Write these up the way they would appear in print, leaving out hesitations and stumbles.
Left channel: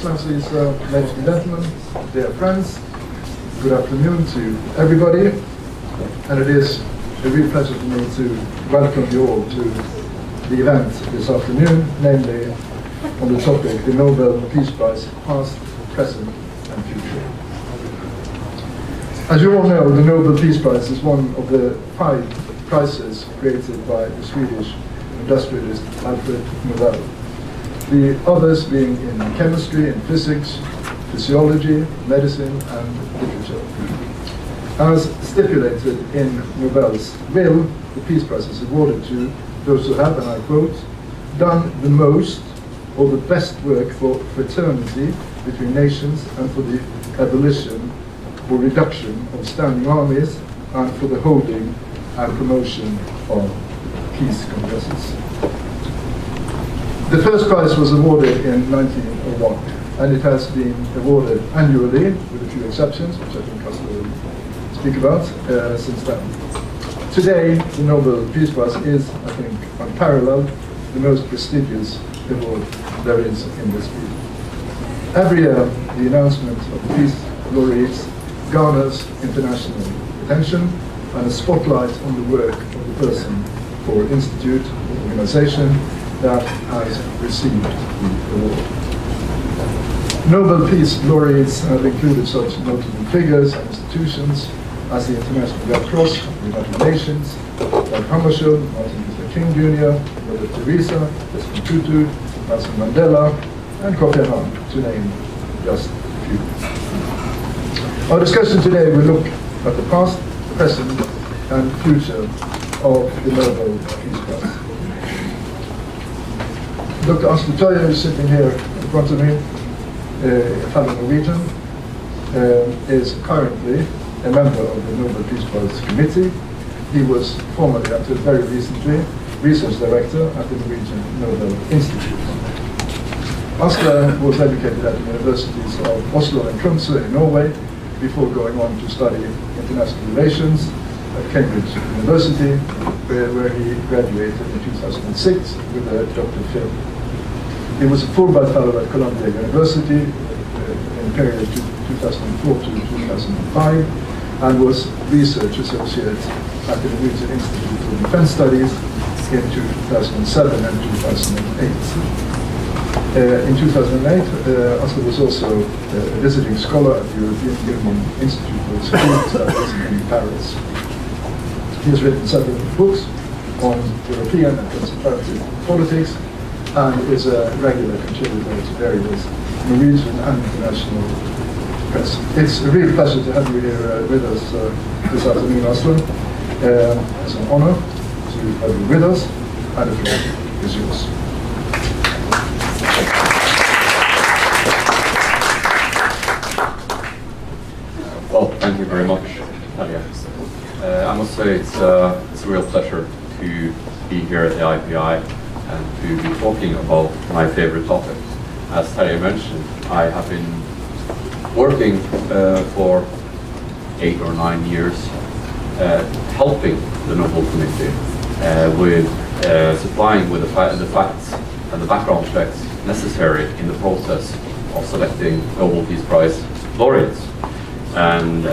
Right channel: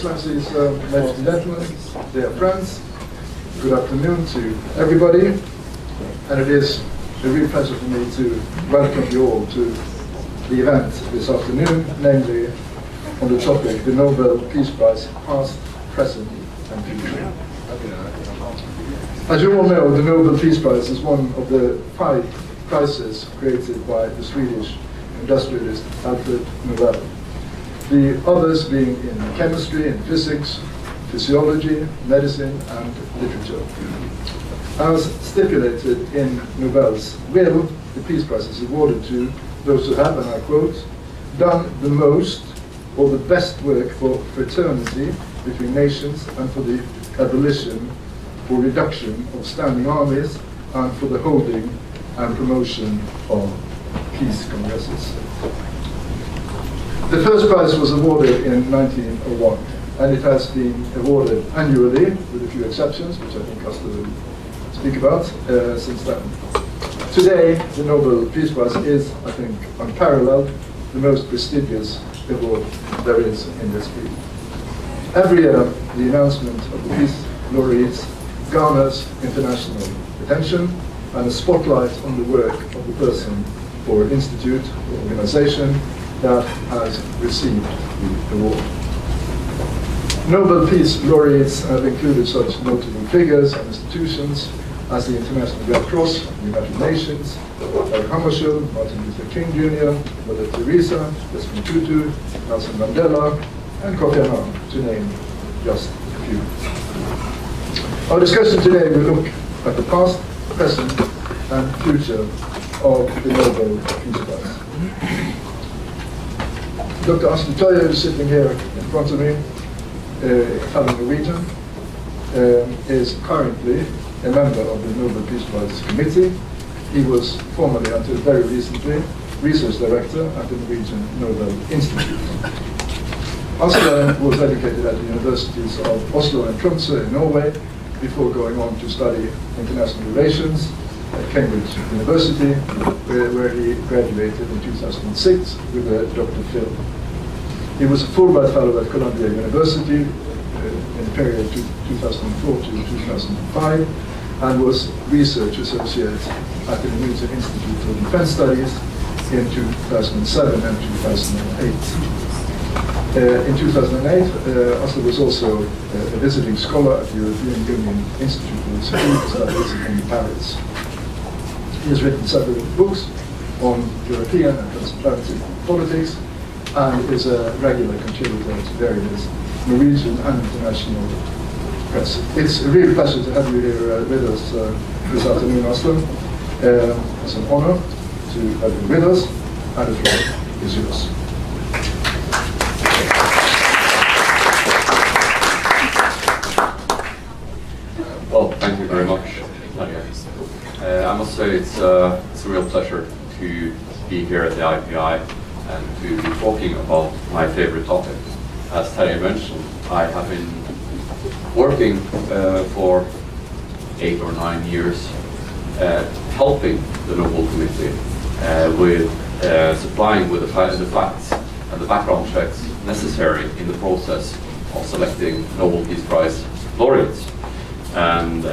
Excellencies, ladies and gentlemen, dear friends, good afternoon to everybody, and it is a real pleasure for me to welcome you all to the event this afternoon, namely on the topic, the Nobel Peace Prize, past, present and future. As you all know, the Nobel Peace Prize is one of the 5 prizes created by the Swedish industrialist Alfred Nobel. The others being in chemistry and physics, physiology, medicine and literature. As stipulated in Nobel's will, the Peace Prize is awarded to those who have, and I quote, done the most or the best work for fraternity between nations and for the abolition or reduction of standing armies and for the holding and promotion of peace congresses. The first prize was awarded in 1901, and it has been awarded annually, with a few exceptions, which I think Asle will speak about, since then. Today, the Nobel Peace Prize is, I think, unparalleled, the most prestigious award there is in this field. Every year, the announcement of the Peace Laureates garners international attention and a spotlight on the work of the person or institute or organization that has received the award. Nobel Peace Laureates have included such notable figures and institutions as the International Red Cross, the United Nations, Dag Hammarskjöld, Martin Luther King Jr., Mother Teresa, Desmond Tutu, Nelson Mandela, and Kofi Annan, to name just a few. Our discussion today will look at the past, present, and future of the Nobel Peace Prize. Dr. Asle Toje, who's sitting here in front of me, a fellow Norwegian, is currently a member of the Nobel Peace Prize Committee. He was formerly, until very recently, research director at the Norwegian Nobel Institute. Asle was educated at the universities of Oslo and Tromsø in Norway before going on to study international relations at Cambridge University, where he graduated in 2006 with a Dr. Phil. He was a Fulbright Fellow at Columbia University in the period 2004 to 2005, and was research associate at the Norwegian Institute for Defense Studies in 2007 and 2008. In 2008, Asle was also a visiting scholar at the European Union Institute for Security Studies in Paris. He has written several books on European and transatlantic politics, and is a regular contributor to various Norwegian and international press. It's a real pleasure to have you here with us this afternoon, Asle. It's an honor to have you with us, and the floor is yours. Well, thank you very much, Nadia. I must say it's a real pleasure to be here at the IPI and to be talking about my favorite topic. As Terje mentioned, I have been working for 8 or 9 years helping the Nobel Committee with supplying with the facts and the background checks necessary in the process of selecting Nobel Peace Prize laureates. And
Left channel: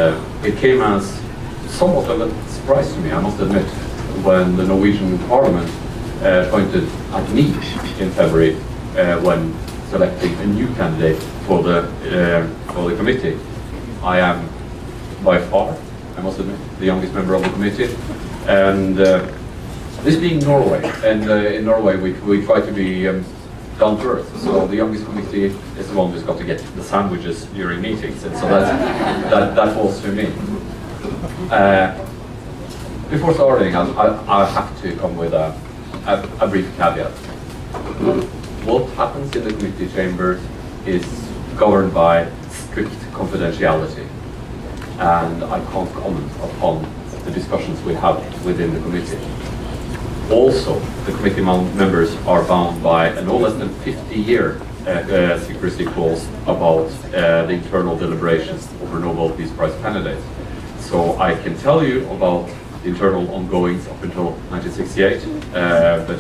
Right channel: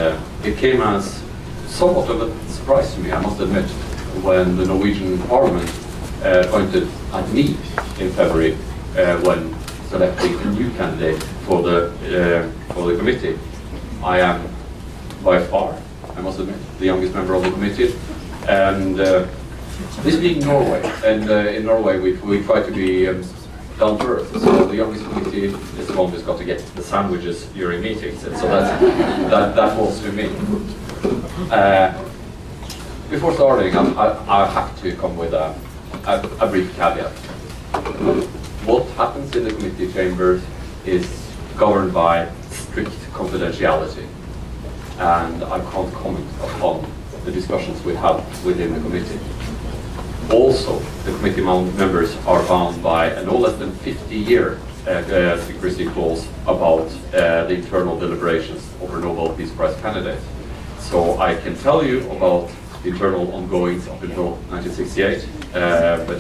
it came as somewhat of a surprise to me, I must admit, when the Norwegian Parliament pointed at me in February when selecting a new candidate for the committee. I am by far, I must admit, the youngest member of the committee, and this being Norway, and in Norway we try to be down to earth. So the youngest committee is the one who's got to get the sandwiches during meetings, and so that falls to me. Before starting, I have to come with a brief caveat. What happens in the committee chambers is governed by strict confidentiality, and I can't comment upon the discussions we have within the committee. Also, the committee members are bound by a no less than 50-year secrecy clause about the internal deliberations over Nobel Peace Prize candidates. So I can tell you about the internal ongoings up until 1968, but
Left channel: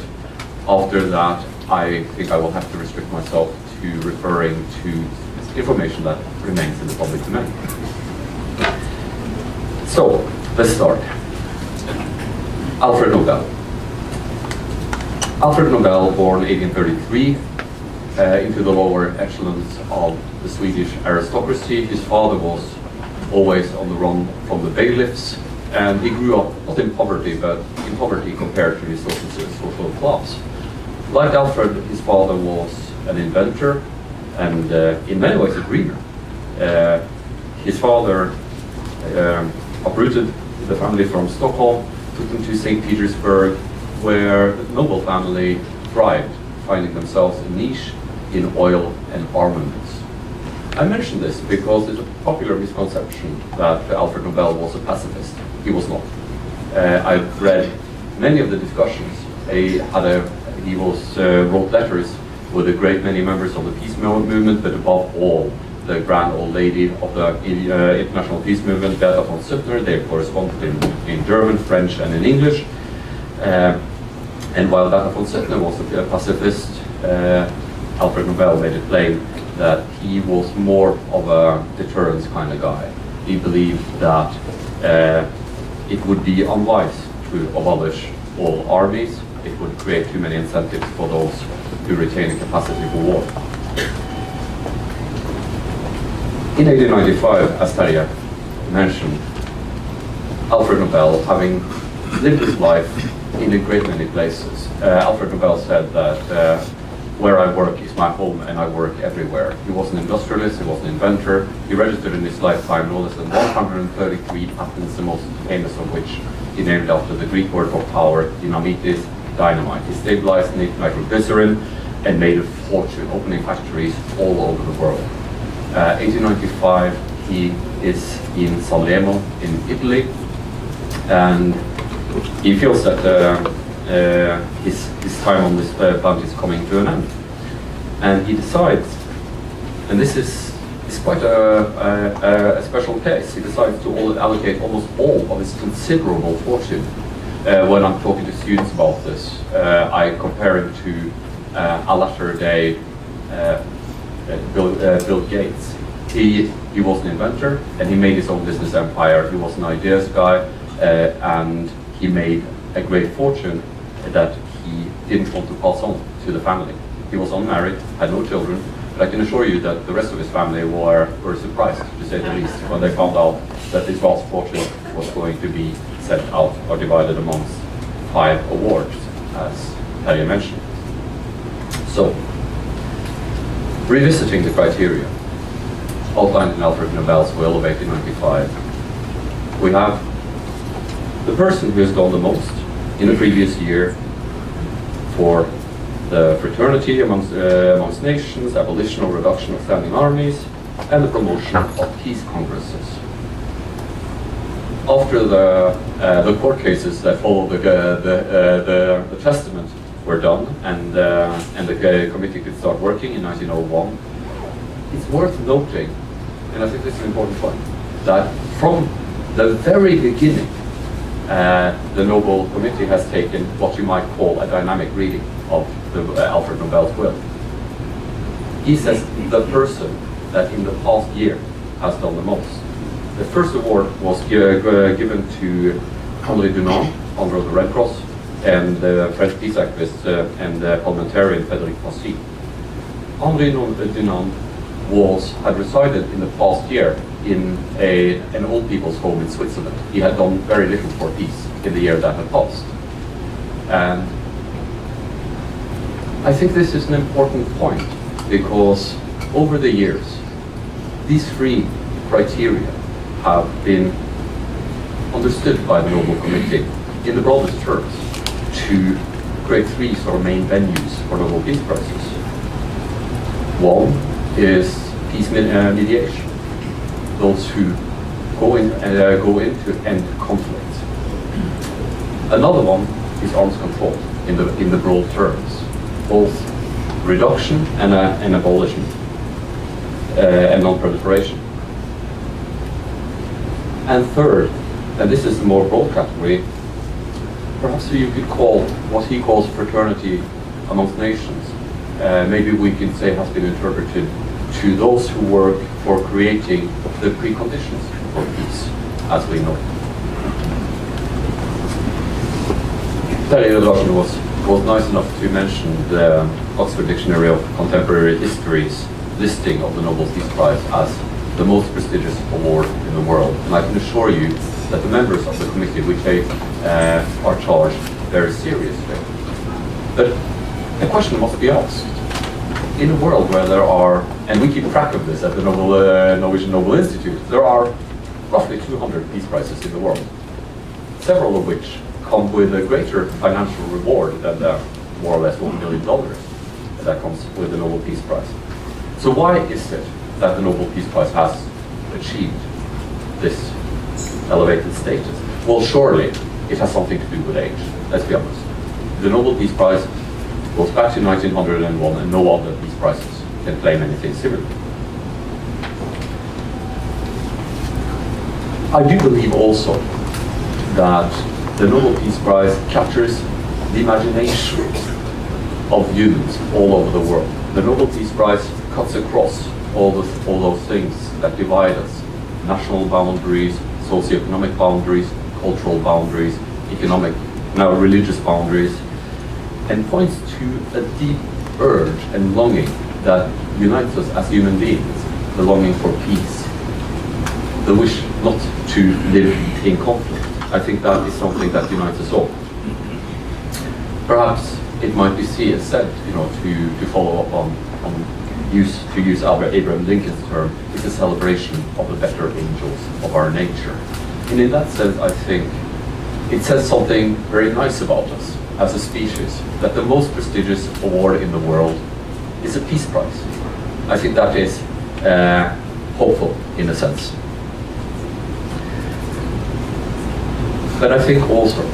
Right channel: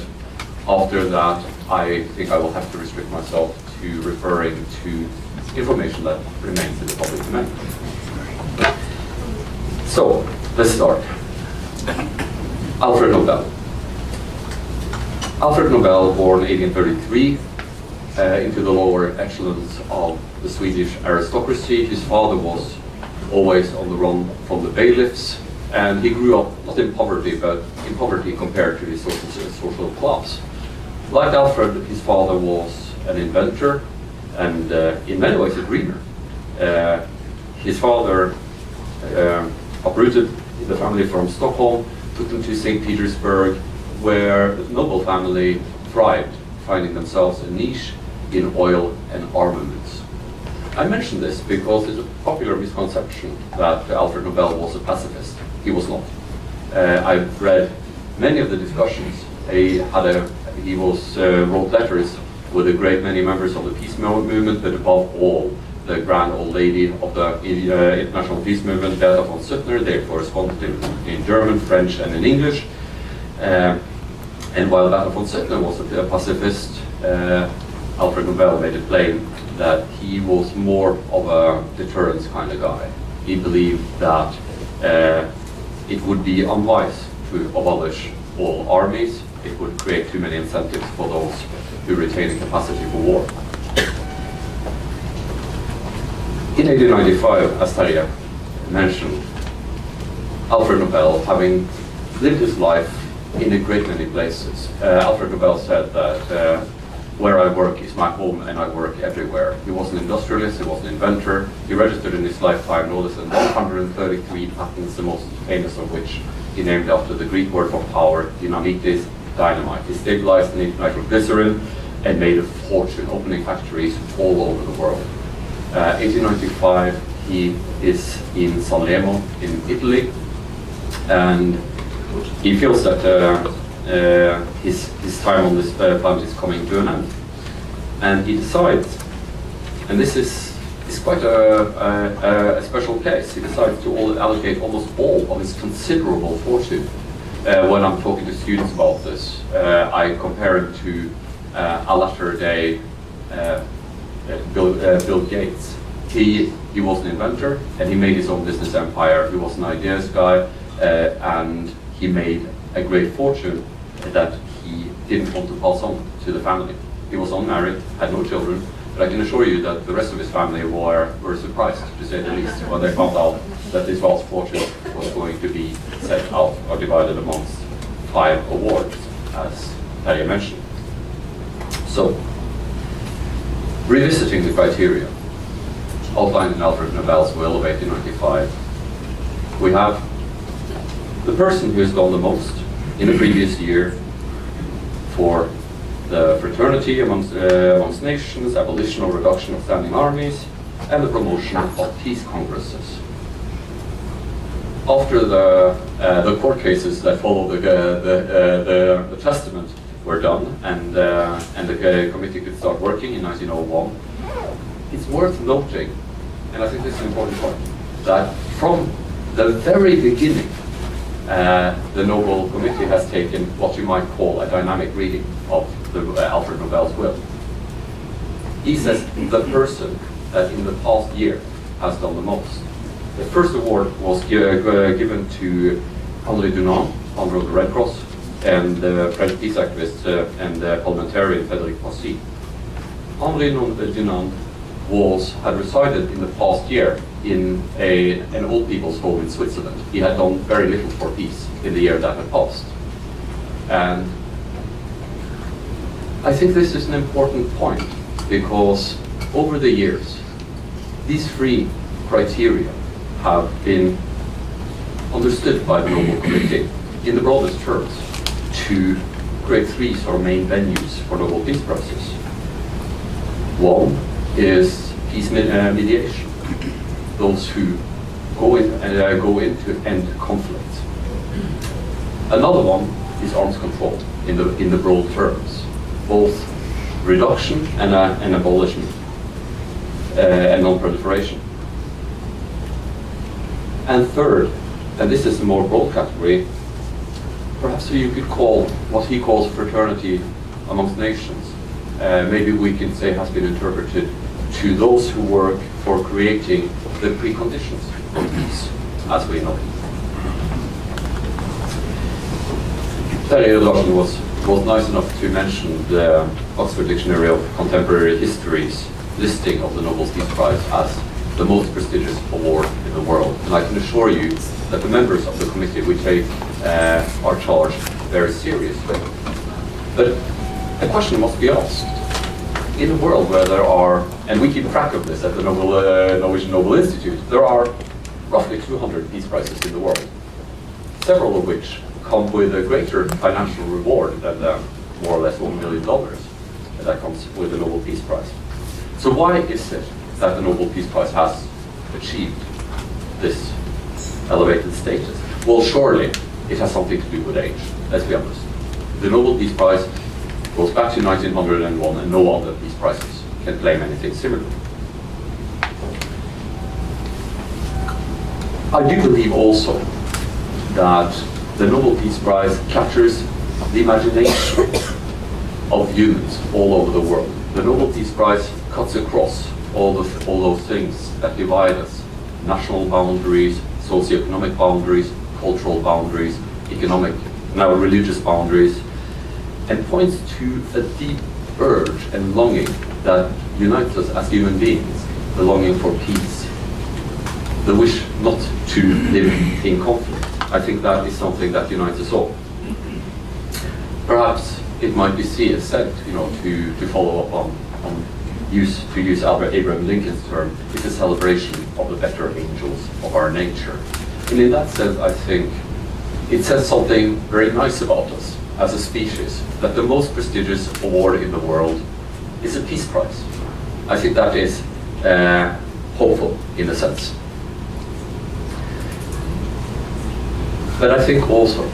after that I think I will have to restrict myself to referring to information that remains in the public domain. So, let's start. Alfred Nobel. Alfred Nobel, born 1833, into the lower echelons of the Swedish aristocracy. His father was always on the run from the bailiffs, and he grew up not in poverty, but in poverty compared to his social class. Like Alfred, his father was an inventor and in many ways a dreamer. His father uprooted the family from Stockholm, took them to St. Petersburg, where the Nobel family thrived, finding themselves a niche in oil and armaments. I mention this because there's a popular misconception that Alfred Nobel was a pacifist. He was not. I've read many of the discussions. He wrote letters with a great many members of the peace movement, but above all, the grand old lady of the international peace movement, Beata von Suttner. They corresponded in German, French, and in English. And while Beata von Suttner was a pacifist, Alfred Nobel made it plain that he was more of a deterrence kind of guy. He believed that it would be unwise to abolish all armies. It would create too many incentives for those who retain a capacity for war. In 1895, as Terje mentioned, Alfred Nobel, having lived his life in a great many places, Alfred Nobel said that where I work is my home and I work everywhere. He was an industrialist, he was an inventor. He registered in his lifetime no less than 133 patents, the most famous of which he named after the Greek word for power, dynamitis, dynamite. He stabilized nitroglycerin and made a fortune, opening factories all over the world. 1895, he is in Sanremo in Italy, and he feels that his time on this planet is coming to an end. And he decides, and this is quite a special case, he decides to allocate almost all of his considerable fortune. When I'm talking to students about this, I compare him to a latter day Bill Gates. He was an inventor and he made his own business empire. He was an ideas guy and he made a great fortune that he didn't want to pass on to the family. He was unmarried, had no children, but I can assure you that the rest of his family were surprised, to say the least, when they found out that this vast fortune was going to be set out or divided amongst 5 awards, as Terje mentioned. So, revisiting the criteria outlined in Alfred Nobel's will of 1895, we have the person who has done the most in the previous year for the fraternity amongst nations, abolition or reduction of standing armies, and the promotion of peace congresses. After the court cases that followed the testament were done, and the committee could start working in 1901, it's worth noting, and I think this is an important point, that from the very beginning, the Nobel Committee has taken what you might call a dynamic reading of Alfred Nobel's will. He says the person that in the past year has done the most. The first award was given to Henri Dunant, founder of the Red Cross, and the French peace activist and parliamentarian Frédéric Passy. Henri Dunant had resided in the past year in an old people's home in Switzerland. He had done very little for peace in the year that had passed. And I think this is an important point because over the years, these 3 criteria have been understood by the Nobel Committee in the broadest terms to create 3 sort of main venues for Nobel Peace Prizes. One is peace mediation, those who go into end conflict. Another one is arms control in the broad terms, both reduction and abolishment and non-proliferation. And third, and this is the more broad category, perhaps you could call what he calls fraternity amongst nations. maybe we can say has been interpreted to those who work for creating the preconditions for peace, as we know. Terje Larsen was nice enough to mention the Oxford Dictionary of Contemporary History's listing of the Nobel Peace Prize as the most prestigious award in the world. And I can assure you that the members of the committee, we take our charge very seriously. But the question must be asked, in a world where there are, and we keep track of this at the Norwegian Nobel Institute, there are roughly 200 peace prizes in the world, several of which come with a greater financial reward than the more or less $1 million that comes with the Nobel Peace Prize. So why is it that the Nobel Peace Prize has achieved this elevated status? Well, surely it has something to do with age, let's be honest. The Nobel Peace Prize goes back to 1901, and no other peace prizes can claim anything similar. I do believe also that the Nobel Peace Prize captures the imagination of humans all over the world. The Nobel Peace Prize cuts across all those things that divide us: national boundaries, socioeconomic boundaries, cultural boundaries, economic, now religious boundaries, and points to a deep urge and longing that unites us as human beings, the longing for peace, the wish not to live in conflict. I think that is something that unites us all. Perhaps it might be said, to follow up on to use Abraham Lincoln's term, it's a celebration of the better angels of our nature. And in that sense, I think it says something very nice about us as a species, that the most prestigious award in the world is a peace prize. I think that is hopeful in a sense. But I think also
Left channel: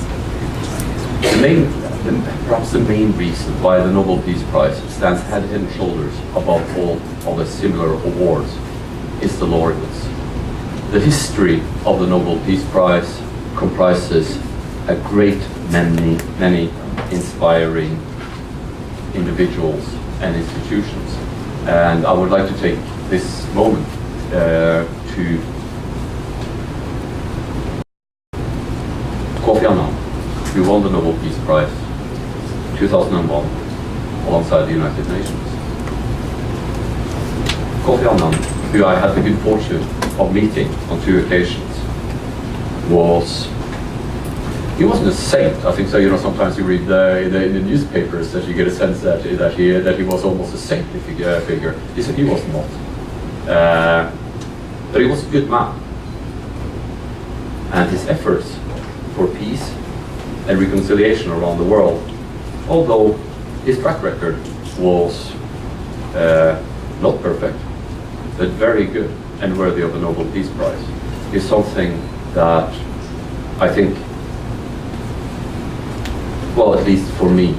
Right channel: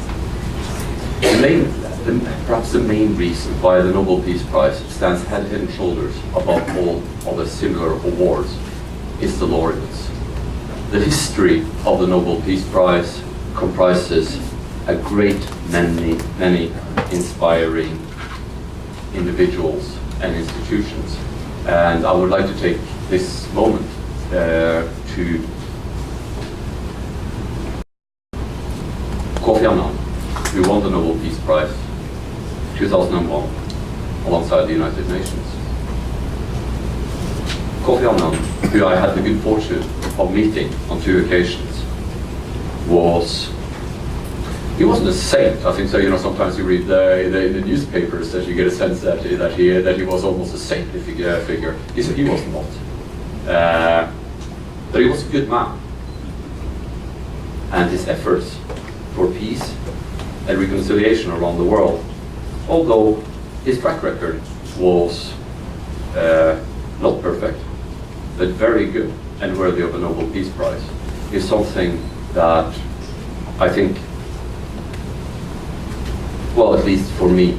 perhaps the main reason why the Nobel Peace Prize stands head and shoulders above all other similar awards is the laureates. The history of the Nobel Peace Prize comprises a great many inspiring individuals and institutions. And I would like to take this moment to Kofi Annan, who won the Nobel Peace Prize 2001 alongside the United Nations. Kofi Annan, who I had the good fortune of meeting on 2 occasions, he wasn't a saint. I think so. Sometimes you read in the newspapers that you get a sense that he was almost a saintly figure. He was not. But he was a good man, and his efforts for peace and reconciliation around the world, although his track record was not perfect, but very good and worthy of a Nobel Peace Prize, is something that I think, well, at least for me,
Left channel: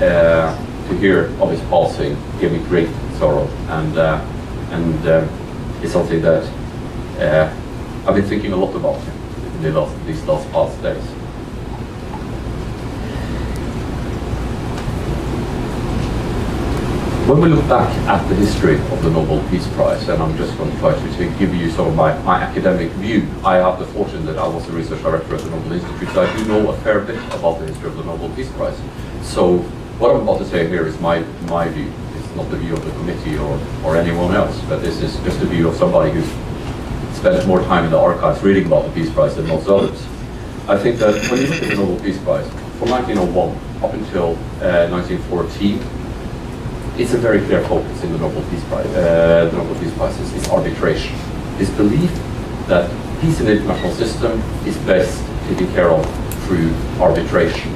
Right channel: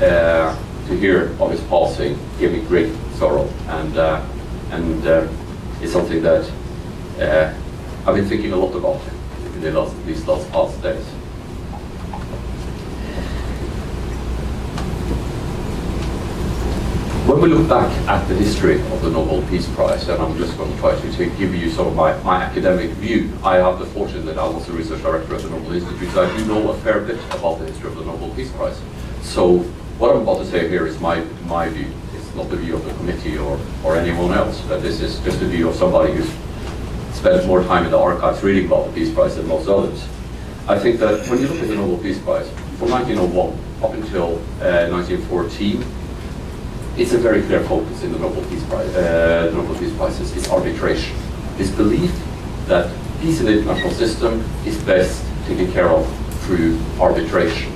to hear of his passing gave me great sorrow, and it's something that I've been thinking a lot about him in these last past days. When we look back at the history of the Nobel Peace Prize, and I'm just going to try to give you sort of my academic view. I have the fortune that I was the research director at the Nobel Institute, so I do know a fair bit about the history of the Nobel Peace Prize. So what I'm about to say here is my view. It's not the view of the committee or anyone else, but this is just the view of somebody who's spent more time in the archives reading about the Peace Prize than most others. I think that when you look at the Nobel Peace Prize, from 1901 up until 1914, it's a very clear focus in the Nobel Peace Prize. The Nobel Peace Prize is arbitration. This belief that peace in the international system is best taken care of through arbitration.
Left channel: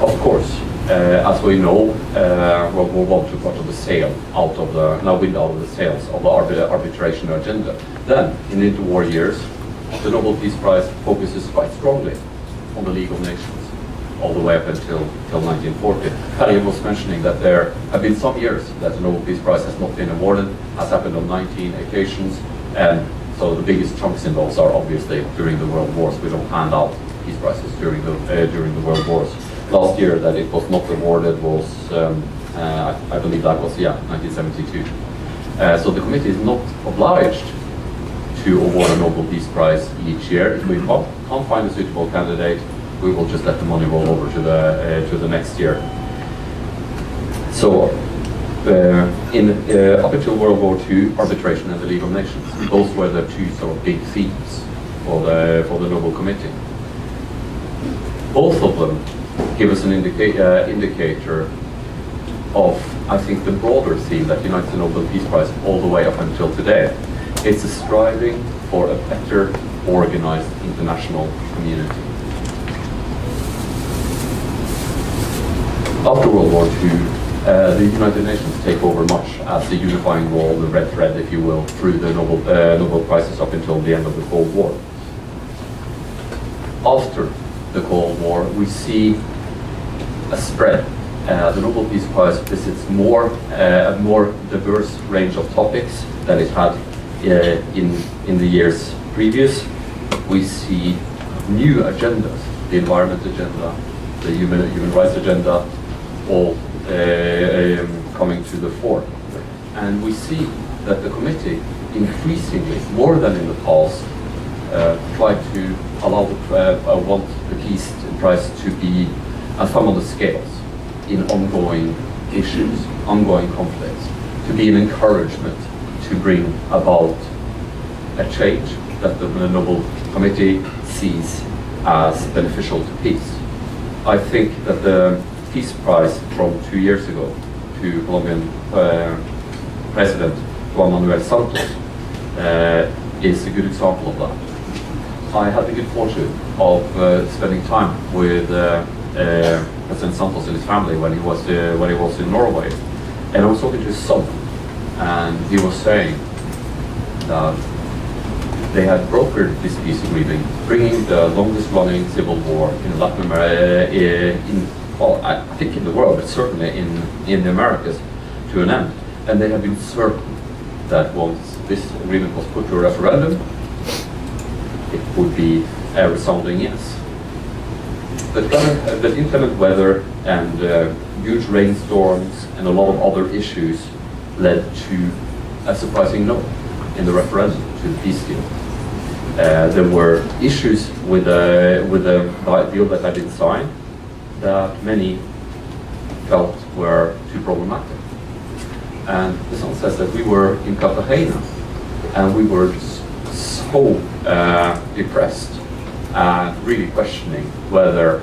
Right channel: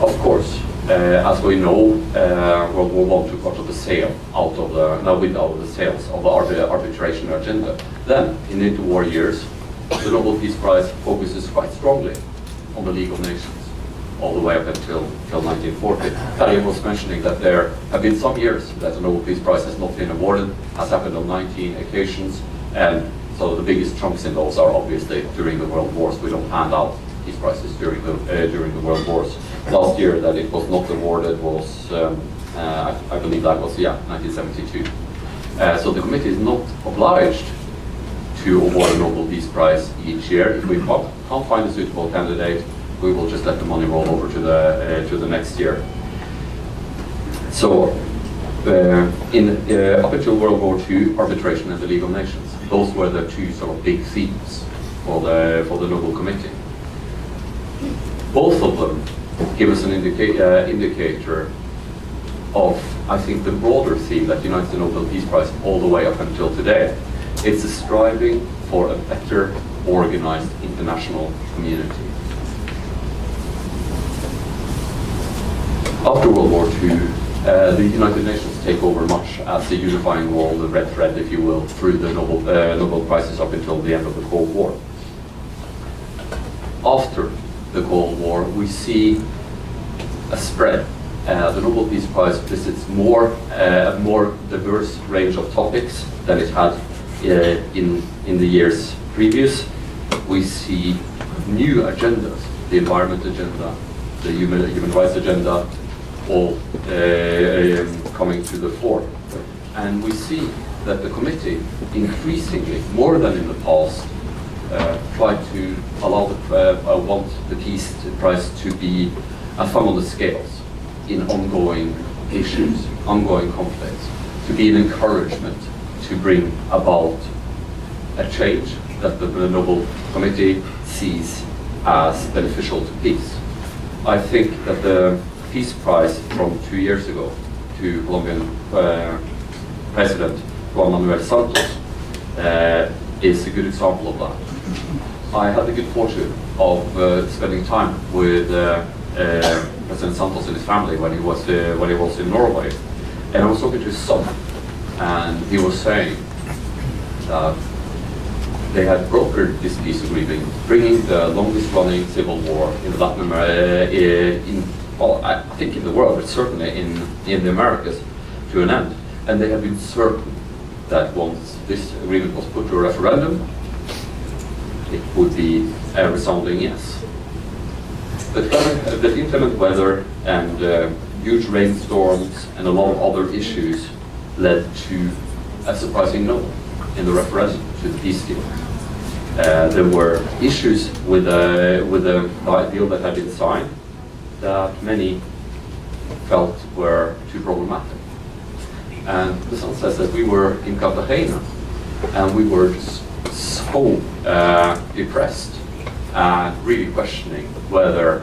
Of course, as we know, World War I took part of the sail out of the, now wind out of the sails of the arbitration agenda. Then, in the interwar years, the Nobel Peace Prize focuses quite strongly on the League of Nations, all the way up until 1940. Terje was mentioning that there have been some years that the Nobel Peace Prize has not been awarded, has happened on 19 occasions, and so the biggest chunks in those are obviously during the World Wars. We don't hand out peace prizes during the World Wars. Last year that it was not awarded was I believe that was, 1972. So the committee is not obliged to award a Nobel Peace Prize each year. If we can't find a suitable candidate, we will just let the money roll over to the next year. So, up until World War II, arbitration and the League of Nations, those were the two sort of big themes for the Nobel Committee. Both of them give us an indicator of, I think, the broader theme that unites the Nobel Peace Prize all the way up until today. It's a striving for a better organized international community. After World War II, the United Nations take over much as the unifying wall, the red thread, if you will, through the Nobel Prizes up until the end of the Cold War. After the Cold War, we see a spread. The Nobel Peace Prize visits a more diverse range of topics than it had in the years previous. We see new agendas, the environment agenda, the human rights agenda, all coming to the fore. And we see that the committee increasingly, more than in the past, try to allow want the Peace Prize to be a thumb on the scales in ongoing issues, ongoing conflicts, to be an encouragement to bring about a change that the Nobel Committee sees as beneficial to peace. I think that the Peace Prize from 2 years ago to Colombian President Juan Manuel Santos is a good example of that. I had the good fortune of spending time with President Santos and his family when he was in Norway, and I was talking to his son, and he was saying that they had brokered this peace agreement, bringing the longest-running civil war in Latin America, I think in the world, but certainly in the Americas, to an end. And they had been certain that once this agreement was put to a referendum, it would be a resounding yes. But inclement weather and huge rainstorms and a lot of other issues led to a surprising no in the referendum to the peace deal. There were issues with the deal that had been signed that many felt were too problematic. And the son says that we were in Cartagena and we were just so depressed and really questioning whether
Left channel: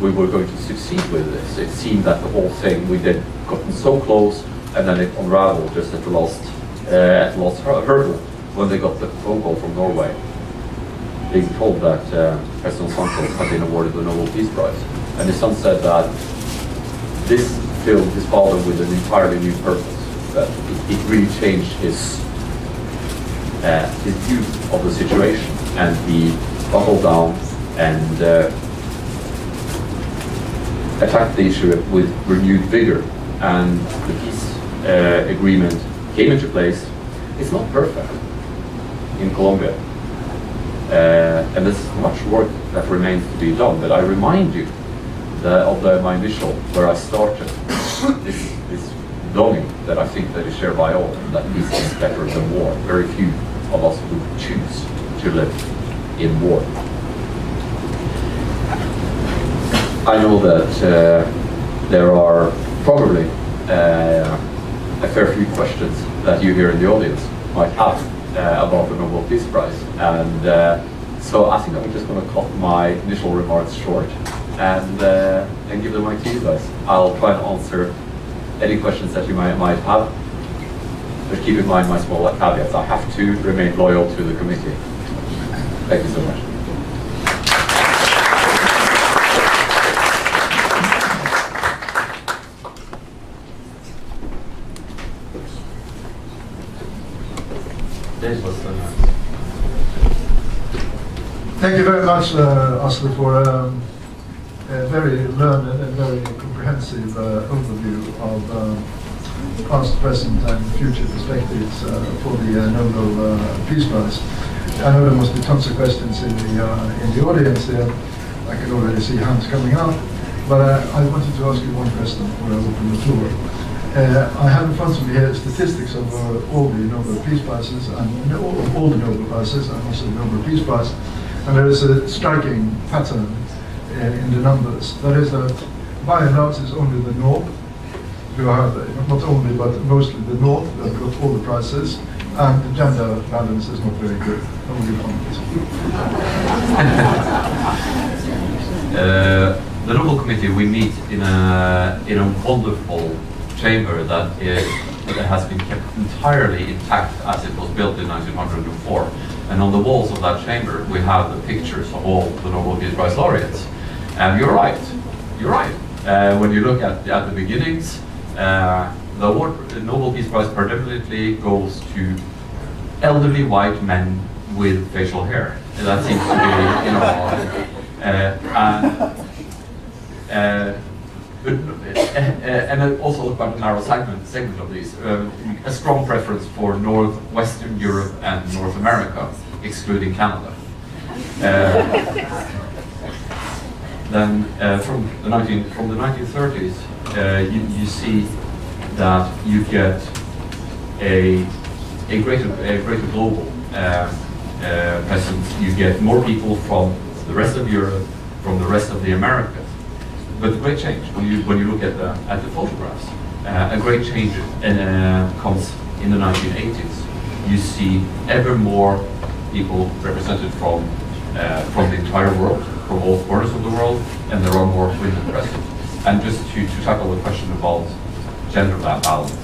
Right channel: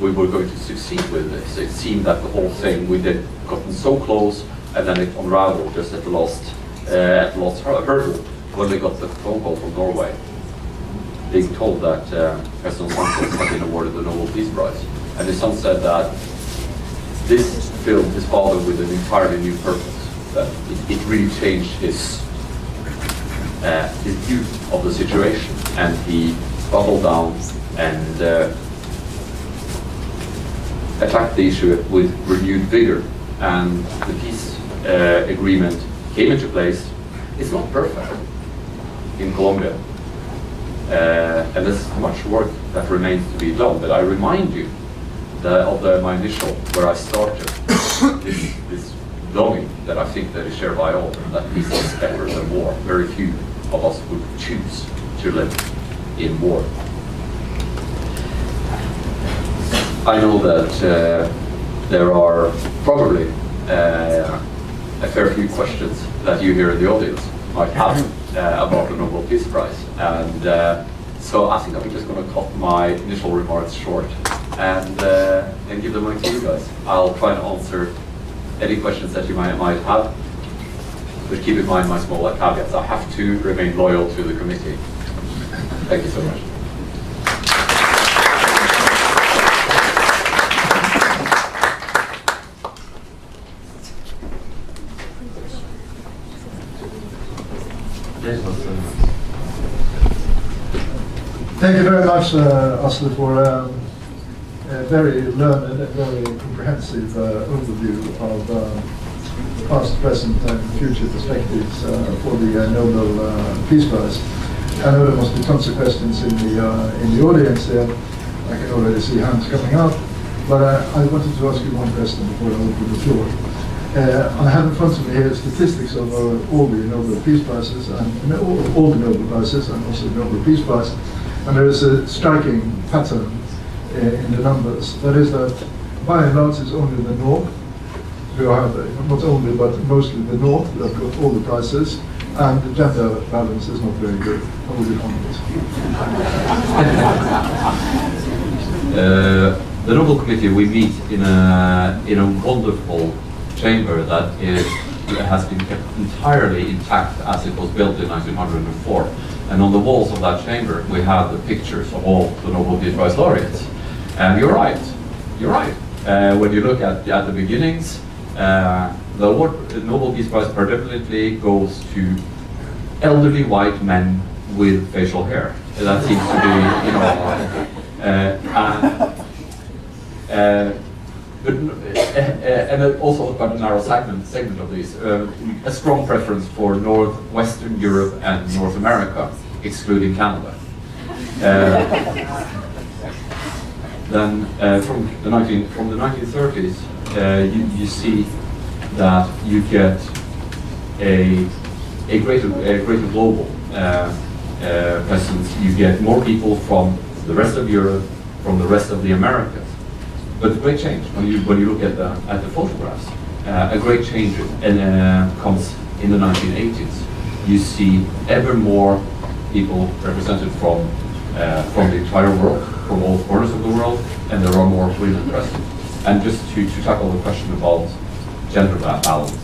we were going to succeed with this. It seemed that the whole thing, we had gotten so close and then it unraveled just at the last hurdle when they got the phone call from Norway, being told that President Santos had been awarded the Nobel Peace Prize. And his son said that this filled his father with an entirely new purpose, that it really changed his view of the situation, and he buckled down and attacked the issue with renewed vigor, and the peace agreement came into place. It's not perfect in Colombia, and there's much work that remains to be done, but I remind you of my initial, where I started, this longing that I think that is shared by all, that peace is better than war. Very few of us would choose to live in war. I know that there are probably a fair few questions that you here in the audience might have about the Nobel Peace Prize, and so I think I'm just going to cut my initial remarks short and give the mic to you guys. I'll try to answer any questions that you might have, but keep in mind my small caveats. I have to remain loyal to the committee. Thank you so much. Thank you very much, Asle, for a very learned and very comprehensive overview of past, present, and future perspectives for the Nobel Peace Prize. I know there must be tons of questions in the audience there. I can already see hands coming up, but I wanted to ask you one question before I open the floor. I have in front of me here statistics of all the Nobel Peace Prizes and all the Nobel Prizes and also the Nobel Peace Prize. And there is a striking pattern in the numbers. That is that by and large it's only the North who have, not only but mostly the North that got all the prizes, and the gender balance is not very good. How would you find it? The Nobel Committee, we meet in a wonderful chamber that has been kept entirely intact as it was built in 1904. And on the walls of that chamber, we have the pictures of all the Nobel Peace Prize laureates. And you're right. When you look at the beginnings, the Nobel Peace Prize predominantly goes to elderly white men with facial hair. That seems to be, and also about a narrow segment of these, a strong preference for Western Europe and North America, excluding Canada. Then from the 1930s, you see that you get a greater global presence. You get more people from the rest of Europe, from the rest of the Americas. But the great change, when you look at the photographs, a great change comes in the 1980s. You see ever more people represented from the entire world, from all corners of the world, and there are more women present. And just to tackle the question about gender balance,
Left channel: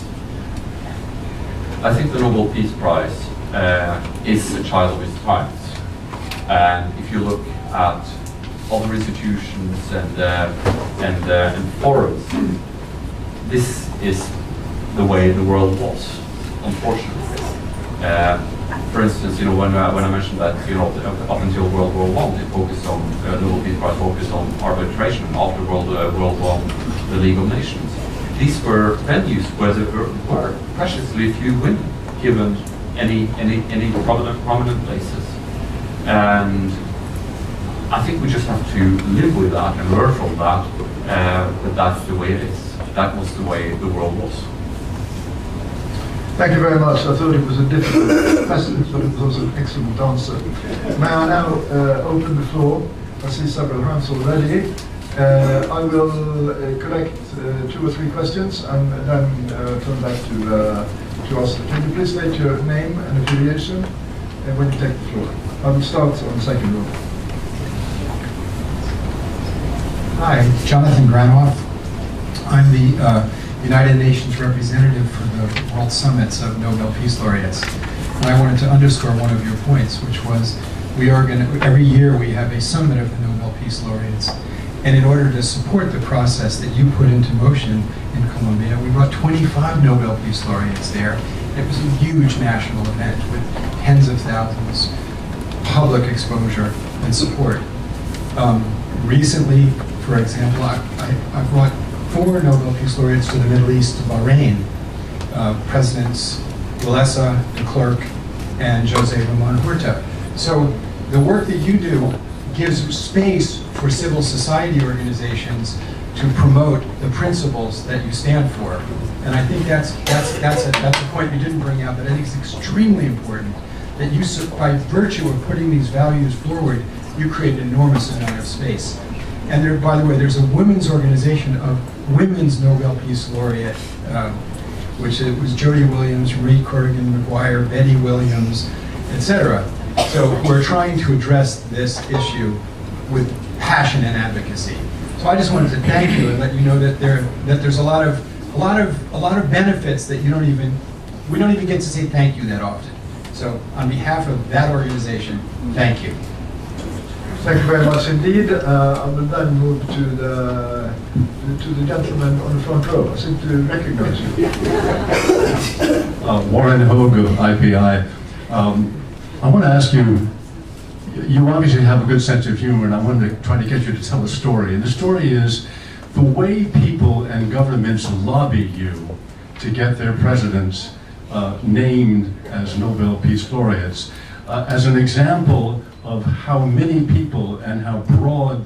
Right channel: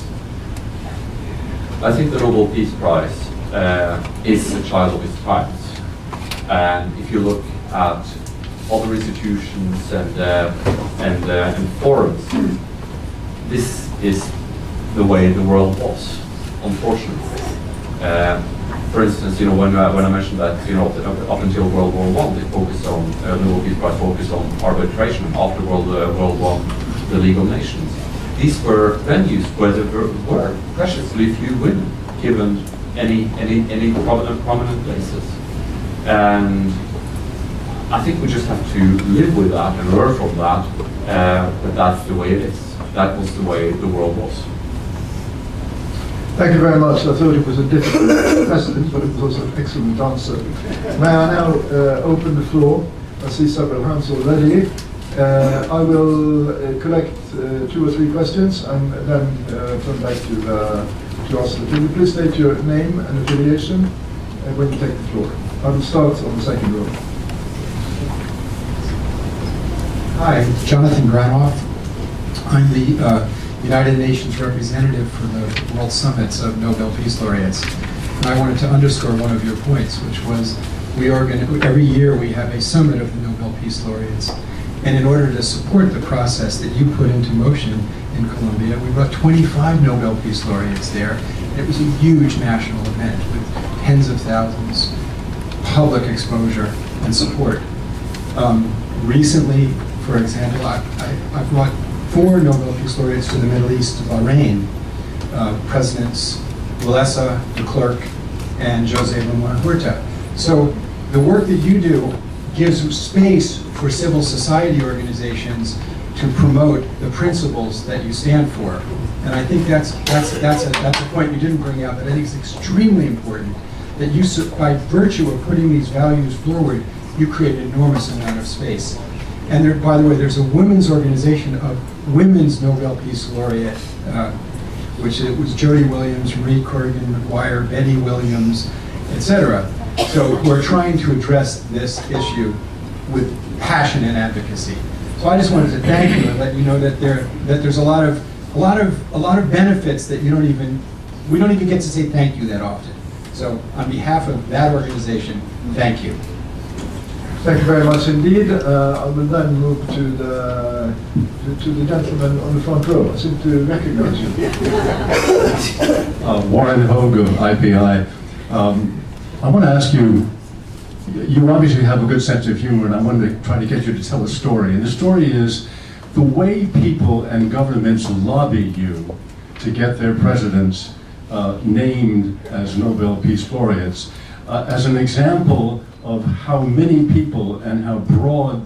I think the Nobel Peace Prize is a child of its times. And if you look at other institutions and forums, this is the way the world was, unfortunately. For instance, when I mentioned that, up until World War I, it focused on the Nobel Peace Prize focused on arbitration. After World War I, the League of Nations. These were venues where there were preciously few women given any prominent places, and I think we just have to live with that and learn from that. But that's the way it is. That was the way the world was. Thank you very much. I thought it was a difficult question, but it was also an excellent answer. May I now open the floor? I see several hands already. I will collect 2 or 3 questions and then turn back to Asle. Can you please state your name and affiliation when you take the floor? I will start on the second row. Hi, Jonathan Granoff. I'm the United Nations representative for the World Summits of Nobel Peace Laureates. And I wanted to underscore one of your points, which was every year we have a summit of the Nobel Peace Laureates. And in order to support the process that you put into motion in Colombia, we brought 25 Nobel Peace Laureates there. It was a huge national event with tens of thousands, public exposure and support. Recently, for example, I brought 4 Nobel Peace Laureates to the Middle East, to Bahrain, Presidents Walesa, de Klerk, and Jose Ramon Huerta. So the work that you do gives space for civil society organizations to promote the principles that you stand for. And I think that's a point you didn't bring out, but I think it's extremely important that you, by virtue of putting these values forward, you create an enormous amount of space. And there, by the way, there's a women's organization of women's Nobel Peace Laureate, which it was Jody Williams, Marie Corrigan McGuire, Betty Williams, etc. So we're trying to address this issue with passion and advocacy. So I just wanted to thank you and let you know that there's a lot of benefits that we don't even get to say thank you that often. So on behalf of that organization, thank you. Thank you very much indeed. I will then move to the gentleman on the front row. I seem to recognize you. Warren Hogue of IPI. I want to ask you, you obviously have a good sense of humor, and I wanted to try to get you to tell a story. And the story is the way people and governments lobby you to get their presidents named as Nobel Peace Laureates, as an example of how many people and how broad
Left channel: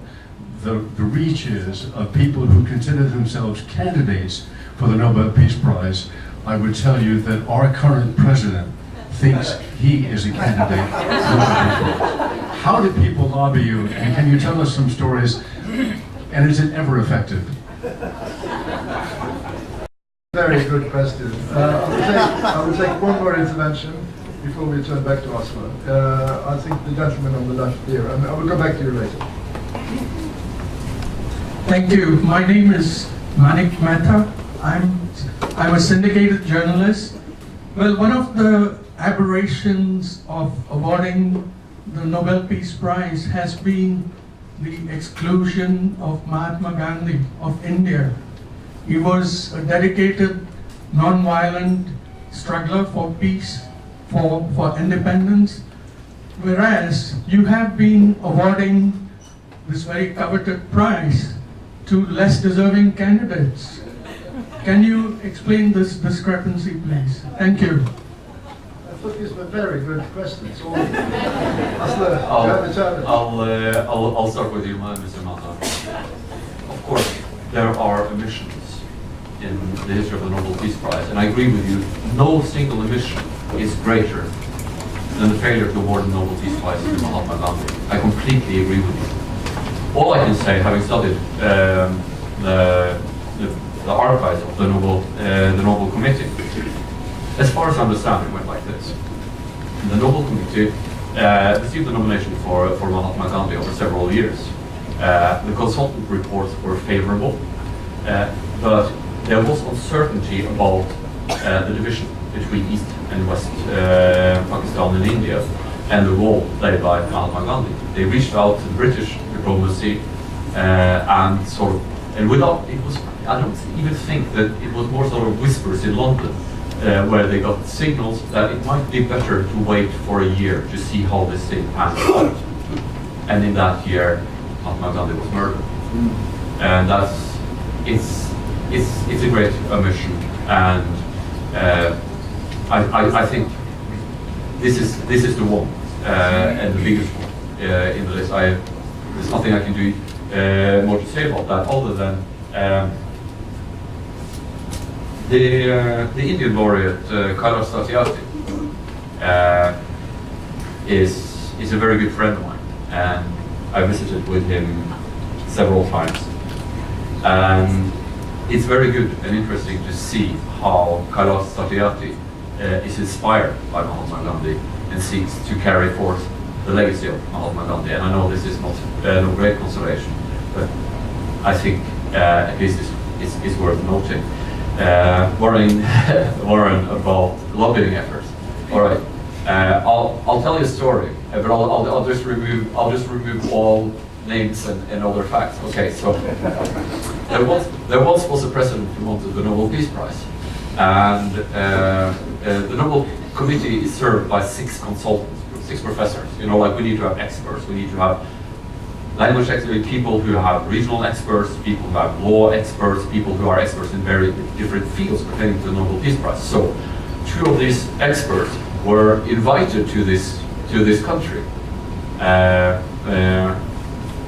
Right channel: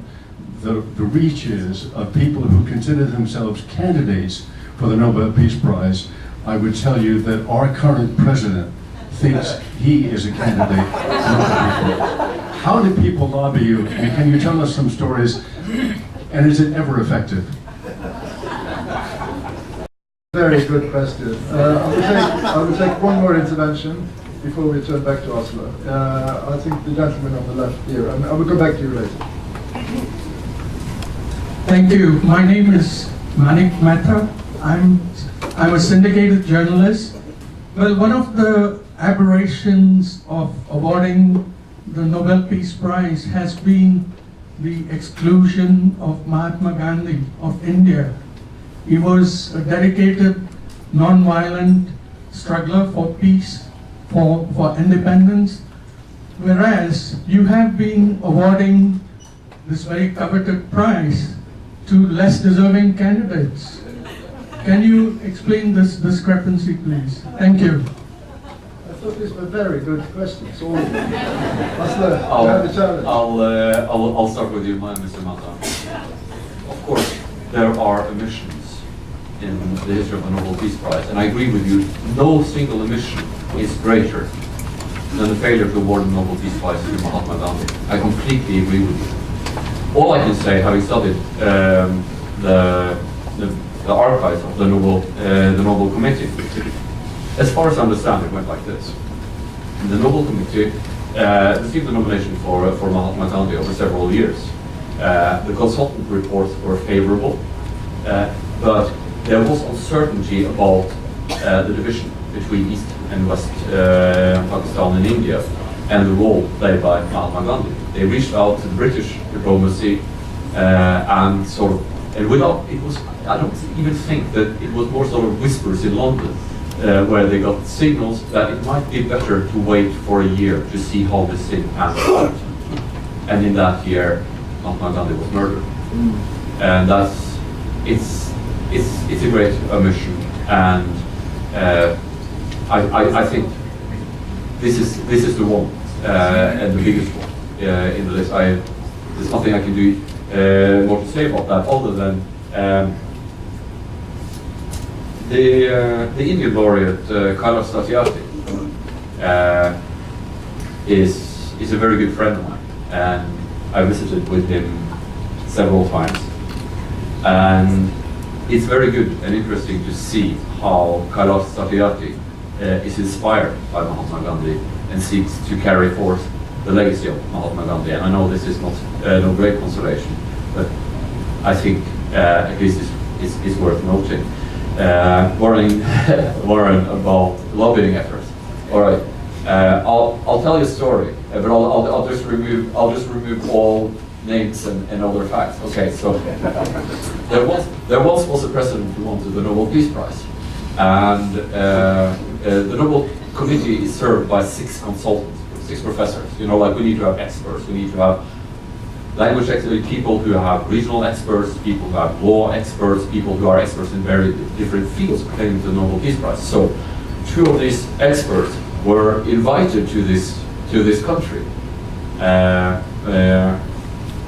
the reach is of people who consider themselves candidates for the Nobel Peace Prize, I would tell you that our current president thinks he is a candidate for the Nobel Peace Prize. How did people lobby you, and can you tell us some stories, and is it ever effective? Very good question. I will take one more intervention before we turn back to Asle. I think the gentleman on the left here, and I will go back to you later. Thank you. My name is Manik Mehta. I'm a syndicated journalist. Well, one of the aberrations of awarding the Nobel Peace Prize has been the exclusion of Mahatma Gandhi of India. He was a dedicated, non-violent struggler for peace, for independence, whereas you have been awarding this very coveted prize to less deserving candidates. Can you explain this discrepancy, please? Thank you. I thought these were very good questions. All of them. Asle, you have a challenge. I'll start with you, Mr. Mata. Of course, there are omissions in the history of the Nobel Peace Prize, and I agree with you, no single omission is greater than the failure to award the Nobel Peace Prize to Mahatma Gandhi. I completely agree with you. All I can say, having studied the archives of the Nobel Committee, as far as I understand, it went like this. The Nobel Committee received the nomination for Mahatma Gandhi over several years. The consultant reports were favorable, but there was uncertainty about the division between East and West Pakistan and India and the role played by Mahatma Gandhi. They reached out to British diplomacy and without, it was, I don't even think that it was more sort of whispers in London where they got signals that it might be better to wait for a year to see how this thing pans out. And in that year, Mahatma Gandhi was murdered. And it's a great omission, and I think this is the one and the biggest one in the list. There's nothing I can do more to say about that other than the Indian laureate Kailash Satyarthi is a very good friend of mine, and I visited with him several times, and it's very good and interesting to see how Kailash Satyarthi is inspired by Mahatma Gandhi and seeks to carry forth the legacy of Mahatma Gandhi. And I know this is not no great consolation, but I think at least is worth noting. Warren about lobbying efforts. All right, I'll tell you a story, but I'll just remove all names and other facts. Okay, so there once was a president who wanted the Nobel Peace Prize, and the Nobel Committee is served by 6 consultants, 6 professors. You know, like we need to have experts, we need to have language experts, people who have regional experts, people who have law experts, people who are experts in very different fields pertaining to the Nobel Peace Prize. So 2 of these experts were invited to this country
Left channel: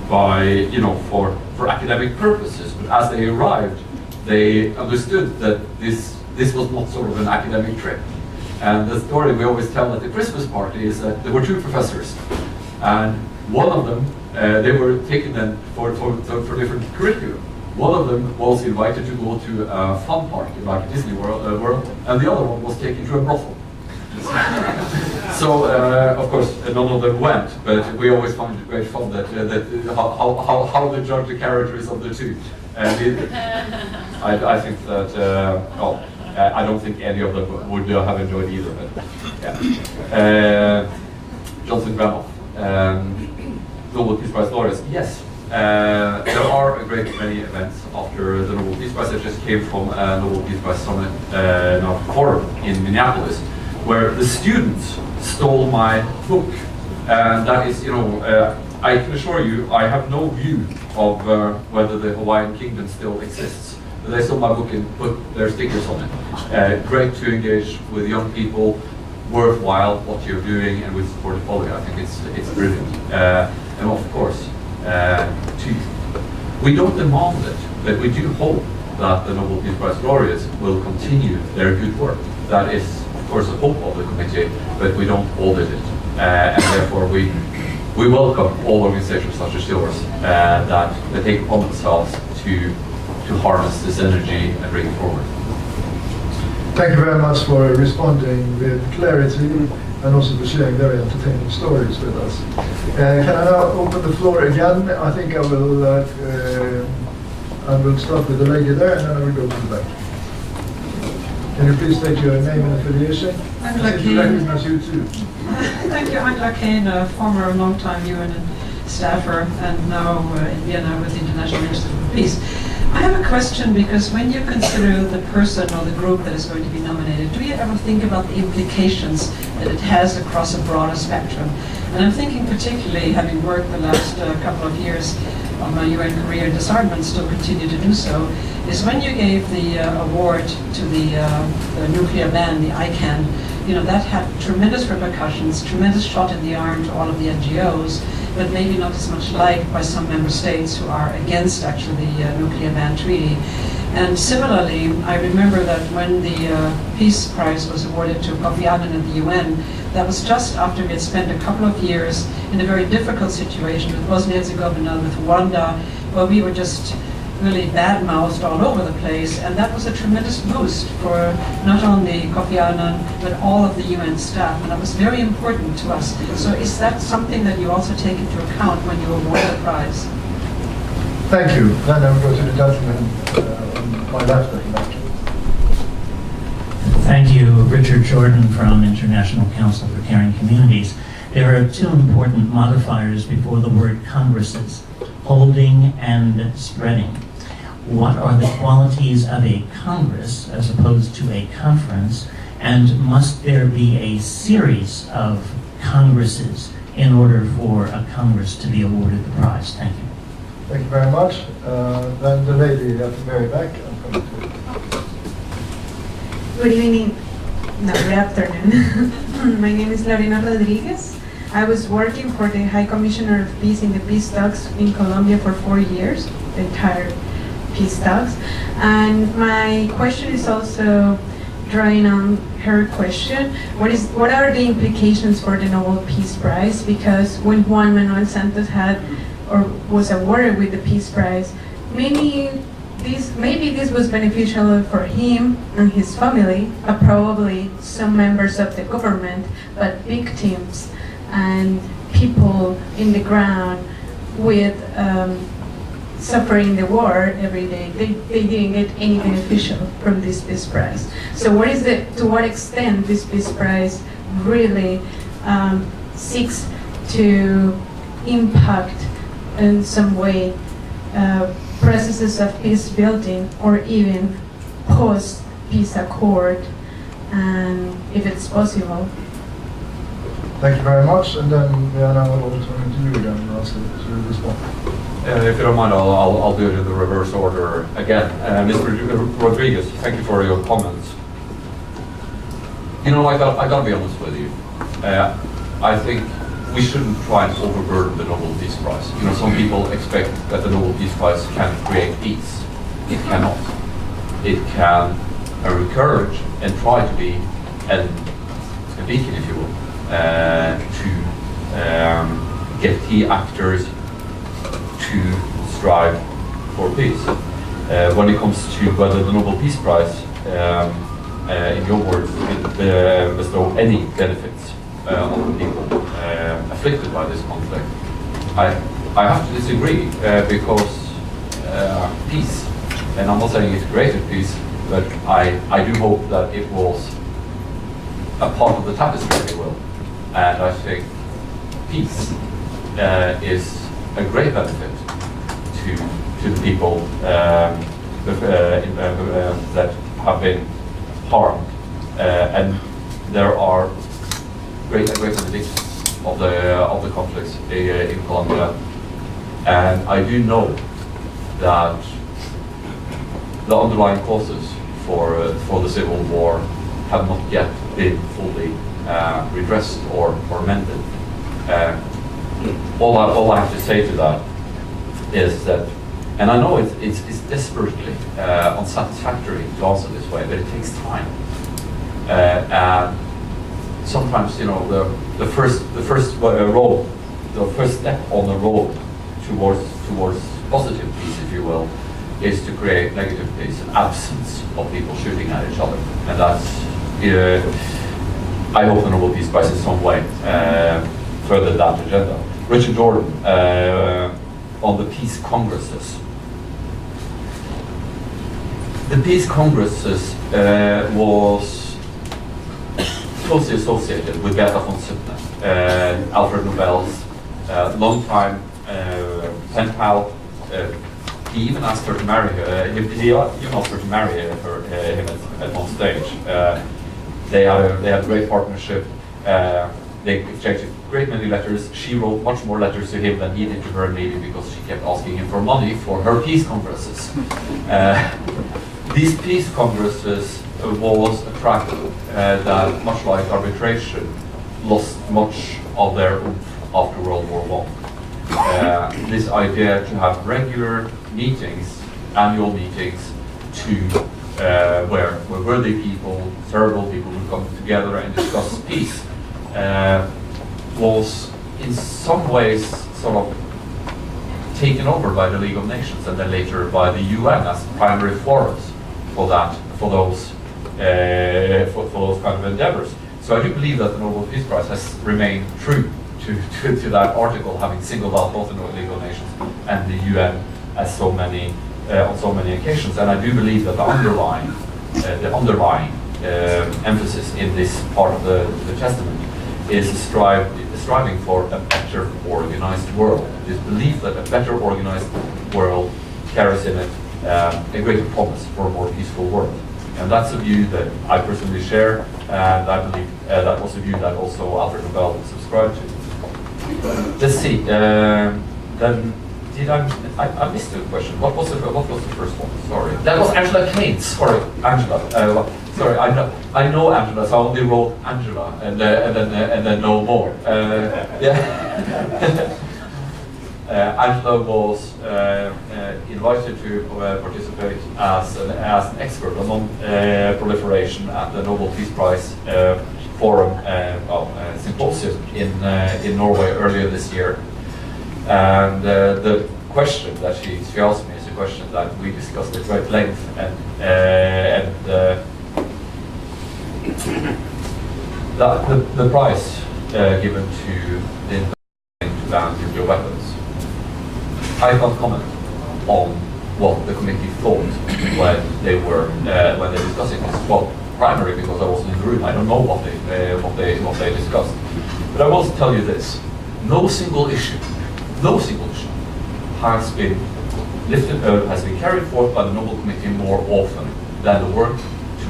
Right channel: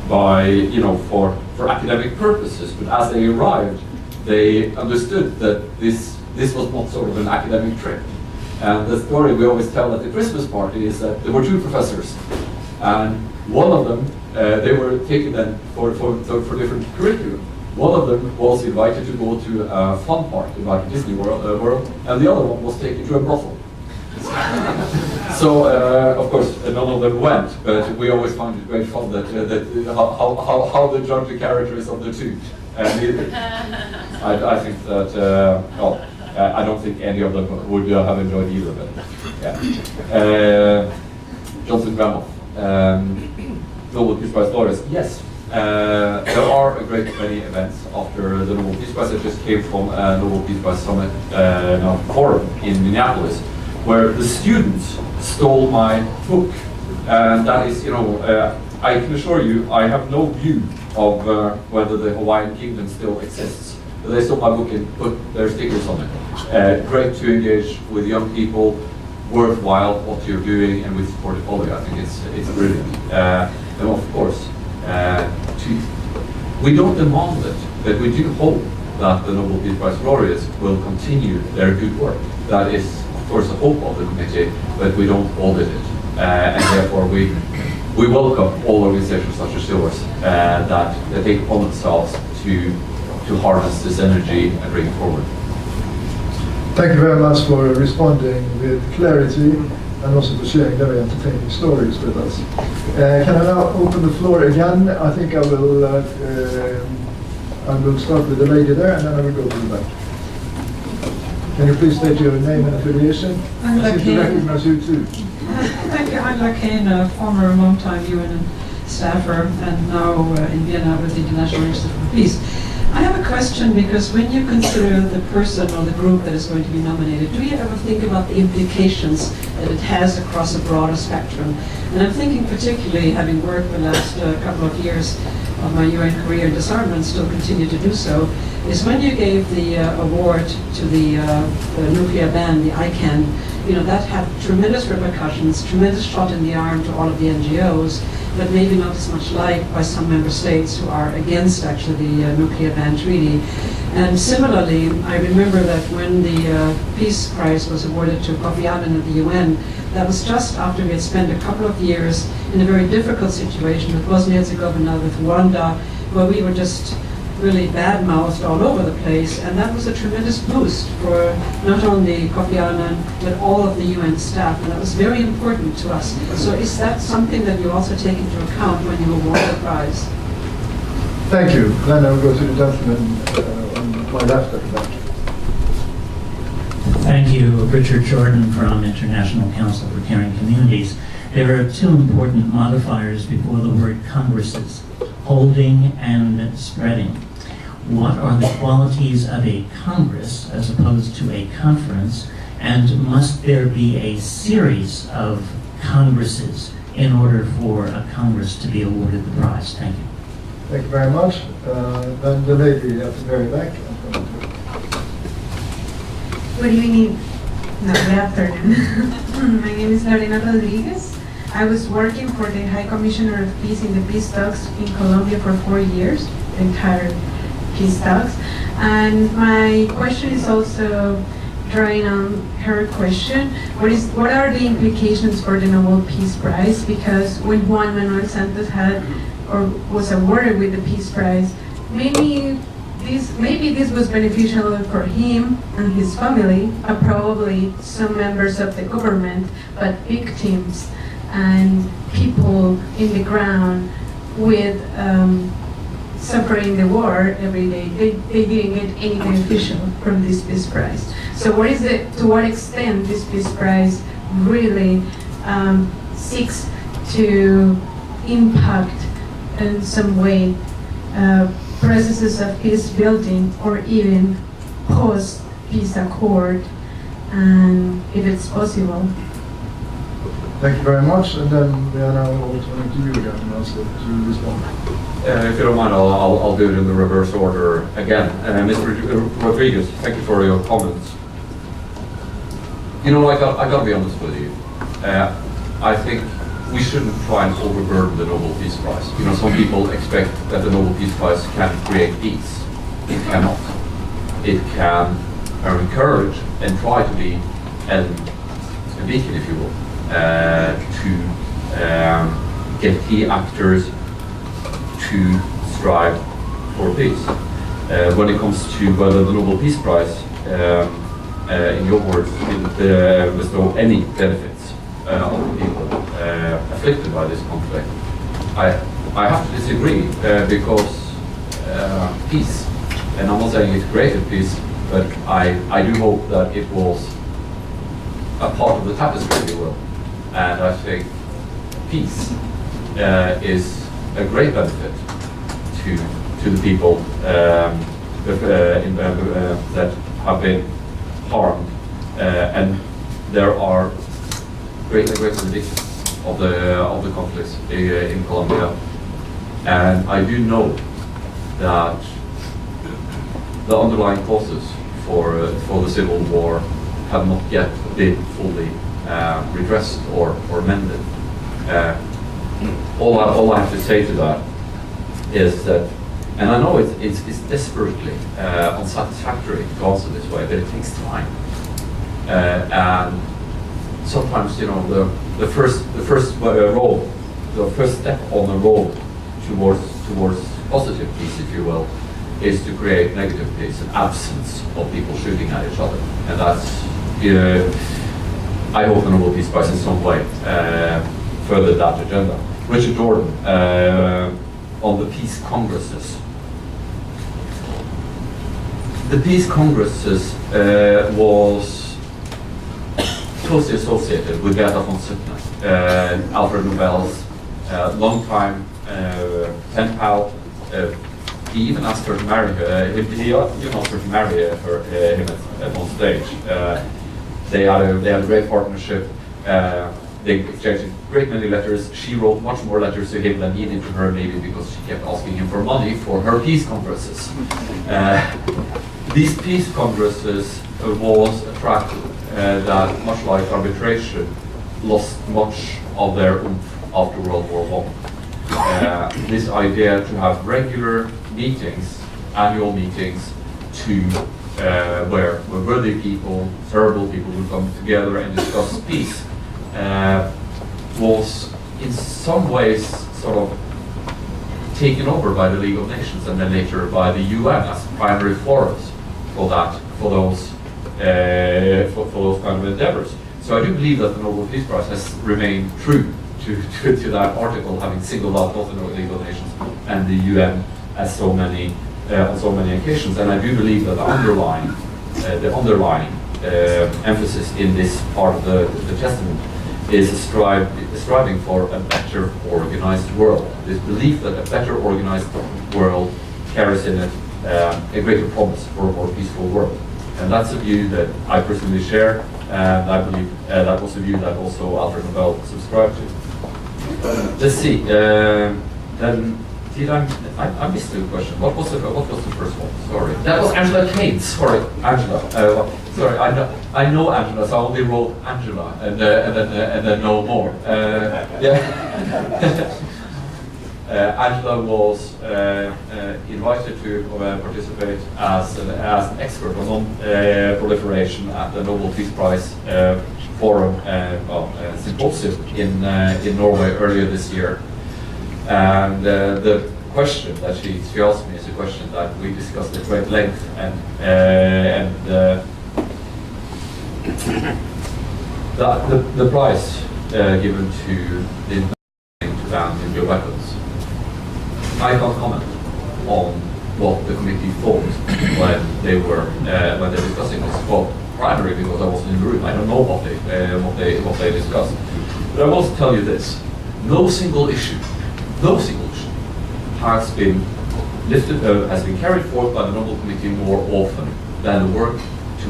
by, you know, for academic purposes. But as they arrived, they understood that this was not sort of an academic trip. And the story we always tell at the Christmas party is that there were 2 professors, and one of them, they were taken then for different curriculum. One of them was invited to go to a fun party like Disney World, and the other one was taken to a brothel. So, of course, none of them went, but we always find it great fun that how they judge the characters of the 2. And I think that, I don't think any of them would have enjoyed either, but yeah. Johnson Gramoff, Nobel Peace Prize laureates, yes. There are a great many events after the Nobel Peace Prize. I just came from a Nobel Peace Prize Summit forum in Minneapolis, where the students stole my book. And that is, you know, I can assure you, I have no view of whether the Hawaiian Kingdom still exists. But they stole my book and put their stickers on it. Great to engage with young people, worthwhile what you're doing, and we support it fully. I think it's brilliant. And of course, We don't demand it, but we do hope that the Nobel Peace Prize laureates will continue their good work. That is, of course, the hope of the committee, but we don't audit it. And therefore, we welcome all organizations such as yours that take upon themselves to harness this energy and bring it forward. Thank you very much for responding with clarity and also for sharing very entertaining stories with us. Can I now open the floor again? I think I will start with the lady there, and then I will go to the back. Can you please state your name and affiliation? I'm I seem to recognize you too. Thank you. I'm Lakane, a former and long-time UN staffer, and now in Vienna with the International Institute for Peace. I have a question, because when you consider the person or the group that is going to be nominated, do you ever think about the implications that it has across a broader spectrum? And I'm thinking particularly, having worked the last couple of years of my UN career in disarmament, still continue to do so, is when you gave the award to the nuclear ban, the ICANN, you know, that had tremendous repercussions, tremendous shot in the arm to all of the NGOs, but maybe not as much liked by some member states who are against actually the nuclear ban treaty. And similarly, I remember that when the Peace Prize was awarded to Kofi Annan at the UN, that was just after we had spent a couple of years in a very difficult situation with Bosnia-Herzegovina, with Rwanda, where we were just really bad-mouthed all over the place, and that was a tremendous boost for not only Kofi Annan, but all of the UN staff, and that was very important to us. So is that something that you also take into account when you award the prize? Thank you. Then I will go to the gentleman on my left at the back. Thank you, Richard Jordan from International Council for Caring Communities. There are two important modifiers before the word congresses: holding and spreading. What are the qualities of a congress as opposed to a conference, and must there be a series of congresses in order for a congress to be awarded the prize? Thank you. Thank you very much. Then the lady at the very back. Good evening. No, good afternoon. My name is Lorena Rodriguez. I was working for the High Commissioner of Peace in the peace talks in Colombia for 4 years, the entire peace talks. And my question is also drawing on her question. What are the implications for the Nobel Peace Prize? Because when Juan Manuel Santos had or was awarded with the Peace Prize, maybe this was beneficial for him and his family, probably some members of the government, but victims and people in the ground with suffering the war every day, they didn't get any beneficial from this Peace Prize. So to what extent this Peace Prize really seeks to impact in some way processes of peace building or even post-peace accord, and if it's possible. Thank you very much. And then we are now over to you again, also to respond. If you don't mind, I'll do it in the reverse order again. Mr. Rodriguez, thank you for your comments. You know, I gotta be honest with you. I think we shouldn't try and overburden the Nobel Peace Prize. You know, some people expect that the Nobel Peace Prize can create peace. It cannot. It can encourage and try to be a beacon, if you will, to get key actors to strive for peace. When it comes to whether the Nobel Peace Prize, in your words, bestow any benefits on the people afflicted by this conflict, I have to disagree because peace, and I'm not saying it's created peace, but I do hope that it was a part of the tapestry, if you will. And I think peace is a great benefit to the people that have been harmed, and there are great benefits of the conflicts in Colombia, and I do know that the underlying causes for the civil war have not yet been fully redressed or mended. All I have to say to that is that And I know it's desperately unsatisfactory to answer this way, but it takes time. And sometimes, you know, the first road, the first step on the road towards positive peace, if you will, is to create negative peace, an absence of people shooting at each other. And that's, I hope the Nobel Peace Prize in some way further that agenda. Richard Jordan, on the peace congresses. The peace congresses was closely associated with Greta von Suttner, Alfred Nobel's long-time pen pal. He even asked her to marry her. He even asked her to marry him at one stage. They had a great partnership. They exchanged a great many letters. She wrote much more letters to him than he did to her, maybe because she kept asking him for money for her peace congresses. These peace congresses was a track that, much like arbitration, lost much of their oomph after World War I. This idea to have regular meetings, annual meetings, to where worthy people, terrible people who come together and discuss peace, was in some ways sort of taken over by the League of Nations and then later by the UN as primary forums for those kind of endeavors. So I do believe that the Nobel Peace Prize has remained true to that article, having singled out both the League of Nations and the UN as so many on so many occasions. And I do believe that the underlying emphasis in this part of the testament is striving for a better organized world. This belief that a better organized world carries in it a greater promise for a more peaceful world. And that's a view that I personally share, and I believe that was a view that also Alfred Nobel subscribed to. Let's see. Then did I missed the question? What was the first one? Sorry, that was Angela Kane. Sorry, Angela. Sorry, I know Angela, so I only wrote Angela and then no more. Yeah. Angela was invited to participate as an expert on non-proliferation at the Nobel Peace Prize Forum symposium in Norway earlier this year. And the question that she asked me is a question that we discussed at great length, and the prize given to the invention to ban nuclear weapons. I can't comment on what the committee thought when they were discussing this. Well, primarily because I wasn't in the room. I don't know what they discussed. But I must tell you this: no single issue has been carried forth by the Nobel Committee more often than the work to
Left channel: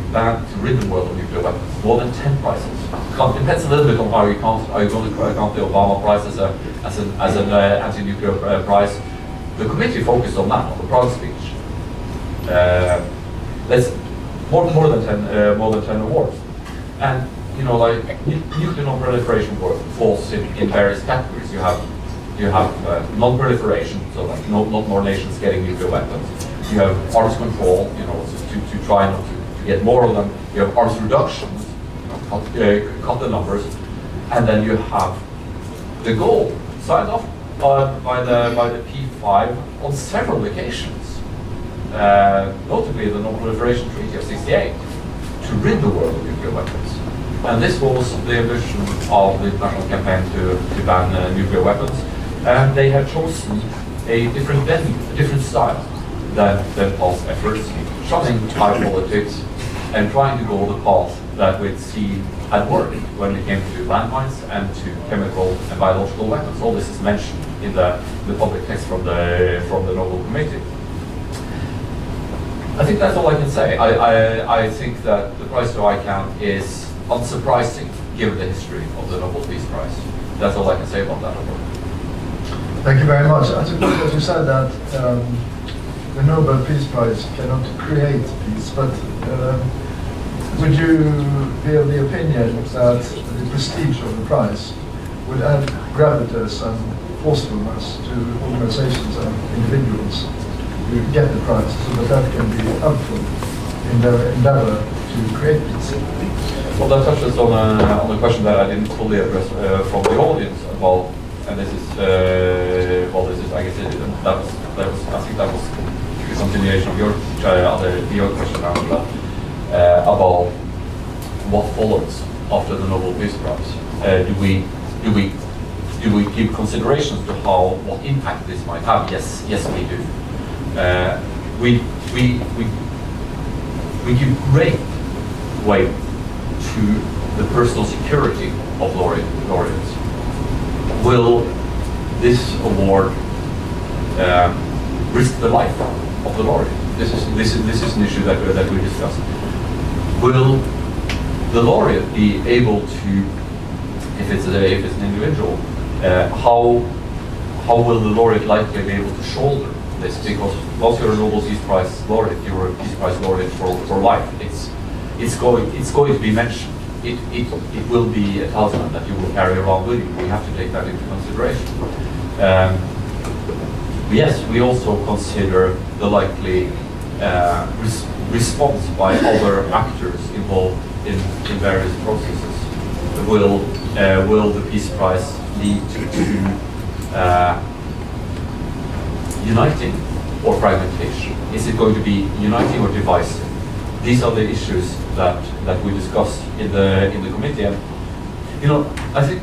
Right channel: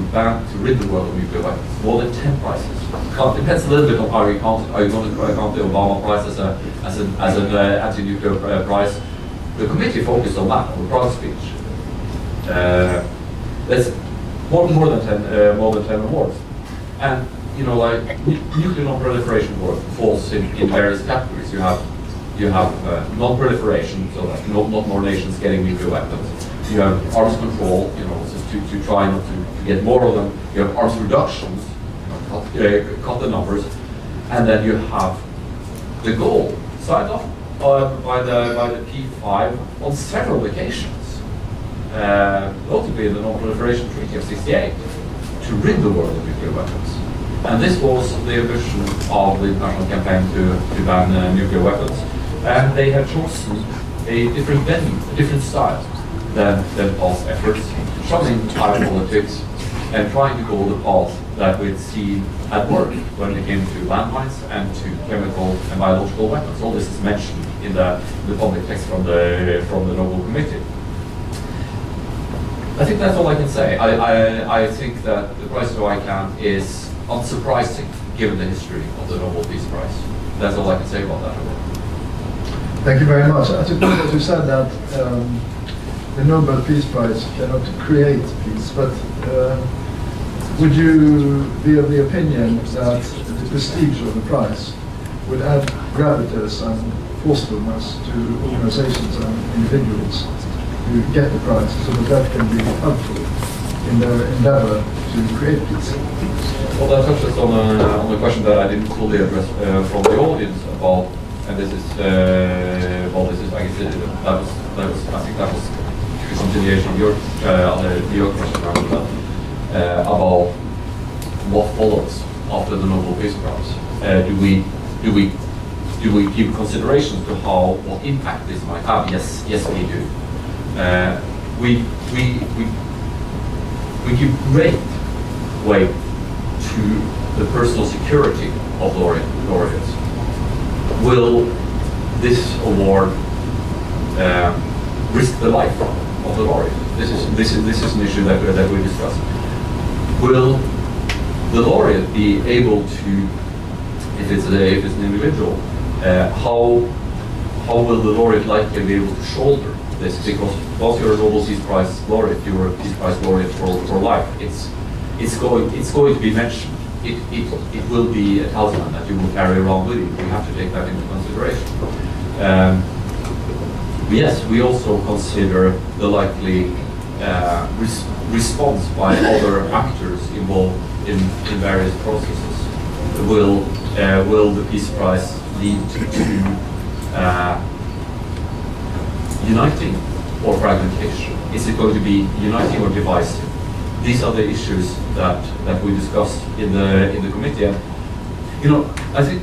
rid the world of nuclear weapons. More than 10 prizes. It depends a little bit on how you count. Are you going to count the Obama Prize as an anti-nuclear prize? The committee focused on that, on the Prague speech. There's more than 10 awards, and you know, like nuclear non-proliferation work falls in various categories. You have non-proliferation, so that not more nations getting nuclear weapons. You have arms control, you know, so to try not to get more of them. You have arms reductions, you know, cut the numbers, and then you have the goal signed off by the P5 on several occasions, notably the Non-Proliferation Treaty of '68, to rid the world of nuclear weapons. And this was the ambition of the international campaign to ban nuclear weapons. And they have chosen a different venue, a different style than past efforts, shunning high politics and trying to go the path that we'd see at work when it came to landmines and to chemical and biological weapons. All this is mentioned in the public text from the Nobel Committee. I think that's all I can say. I think that the prize to ICANN is unsurprising given the history of the Nobel Peace Prize. That's all I can say about that. Thank you very much. As you said that the Nobel Peace Prize cannot create peace, but would you be of the opinion that the prestige of the prize would add gravitas and forcefulness to organizations and individuals you get the prize, so that can be helpful in their endeavor to create peace. Well, that touches on a question that I didn't fully address from the audience about, and this is, I guess, I think that was a continuation of your question about what follows after the Nobel Peace Prize. Do we give considerations to what impact this might have? Yes, we do. We give great weight to the personal security of laureates. Will this award risk the life of the laureate? This is an issue that we discussed. Will the laureate be able to, if it's an individual, how will the laureate likely be able to shoulder this? Because once you're a Nobel Peace Prize laureate, you're a Peace Prize laureate for life. It's going to be mentioned. It will be a talisman that you will carry around with you. We have to take that into consideration. Yes, we also consider the likely response by other actors involved in various processes. Will the Peace Prize lead to uniting or fragmentation? Is it going to be uniting or divisive? These are the issues that we discussed in the committee. And I think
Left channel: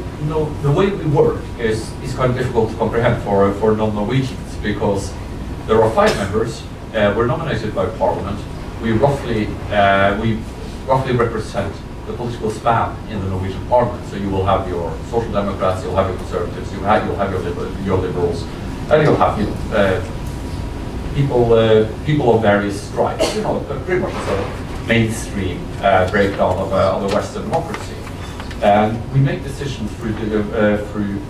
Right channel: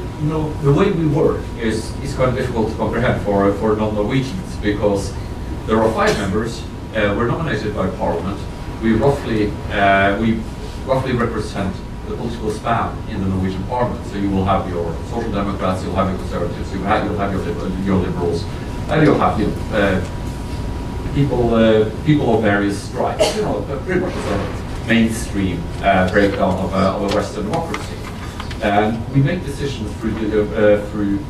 the way we work is kind of difficult to comprehend for non-Norwegians, because there are 5 members. We're nominated by Parliament. We roughly represent the political span in the Norwegian Parliament. So you will have your Social Democrats, you'll have your Conservatives, you'll have your Liberals, and you'll have people of various stripes. Pretty much a mainstream breakdown of a Western democracy. And we make decisions through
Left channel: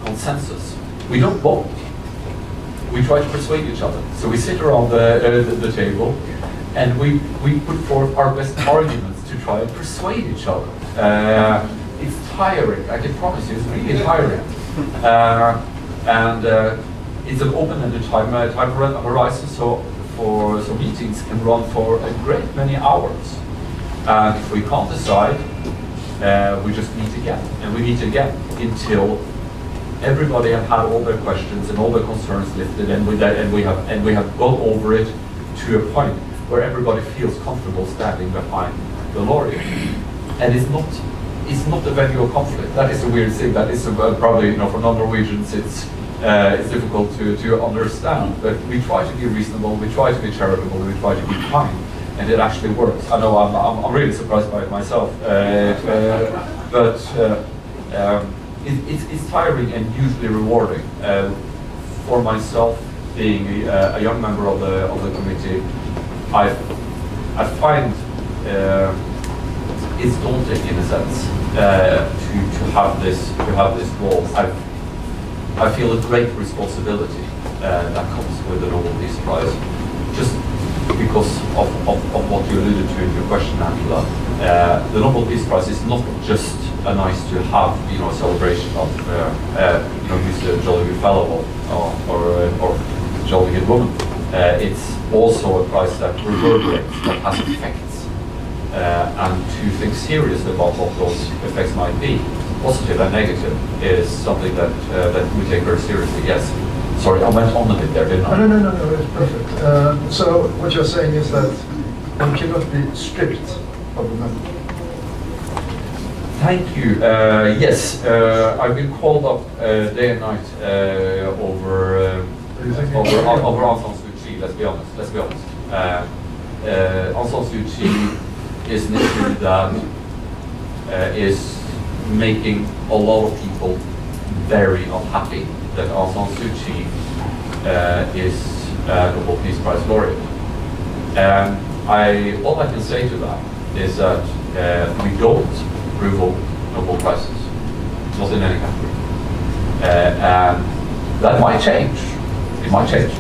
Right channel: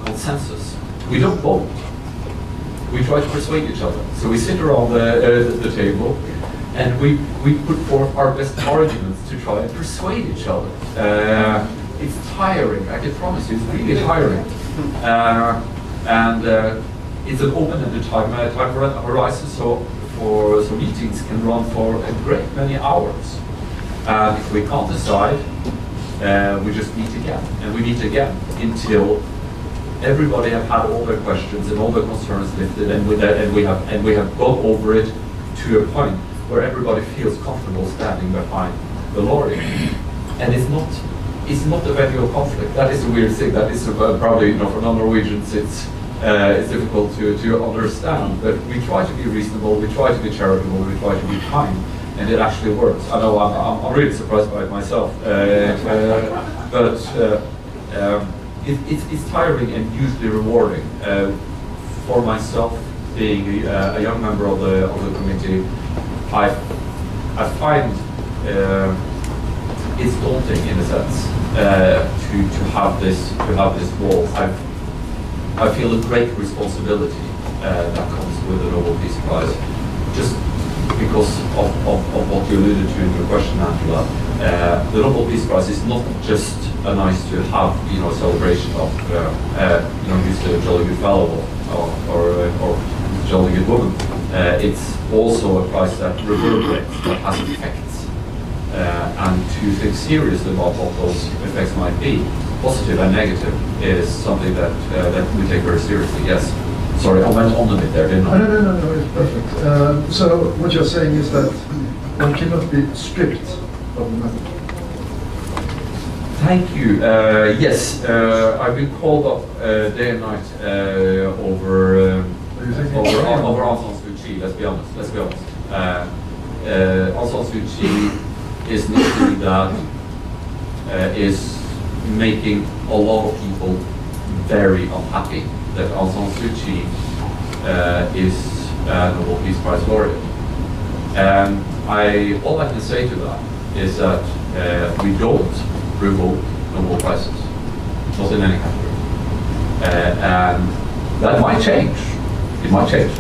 consensus. We don't vote. We try to persuade each other. So we sit around the table, and we put forth our best arguments to try and persuade each other. It's tiring. I can promise you, it's really tiring. It's an open-ended time horizon, so meetings can run for a great many hours. And if we can't decide, we just meet again, and we meet again until everybody have had all their questions and all their concerns lifted, and we have gone over it to a point where everybody feels comfortable standing behind the laureate. And it's not a venue of conflict. That is a weird thing. That is probably for non-Norwegians it's difficult to understand. But we try to be reasonable. We try to be charitable. We try to be kind. And it actually works. I know I'm really surprised by it myself, but it's tiring and hugely rewarding. For myself, being a young member of the committee, I find it's daunting in a sense to have this role. I feel a great responsibility that comes with the Nobel Peace Prize, just because of what you alluded to in your question, Angela. The Nobel Peace Prize is not just a nice to have, celebration of, use a jolly good fellow or jolly good woman. It's also a prize that reverberates, that has effects, and to think seriously about what those effects might be, positive and negative, is something that we take very seriously. Yes. Sorry, I went on a bit there, didn't I? No, it's perfect. So what you're saying is that one cannot be stripped of the medal. Thank you. Yes, I've been called up day and night over Aung San Suu Kyi. Let's be honest. Aung San Suu Kyi is an issue that is making a lot of people very unhappy that Aung San Suu Kyi is a Nobel Peace Prize laureate. All I can say to that is that we don't revoke Nobel Prizes, not in any category. And that might change. It might change.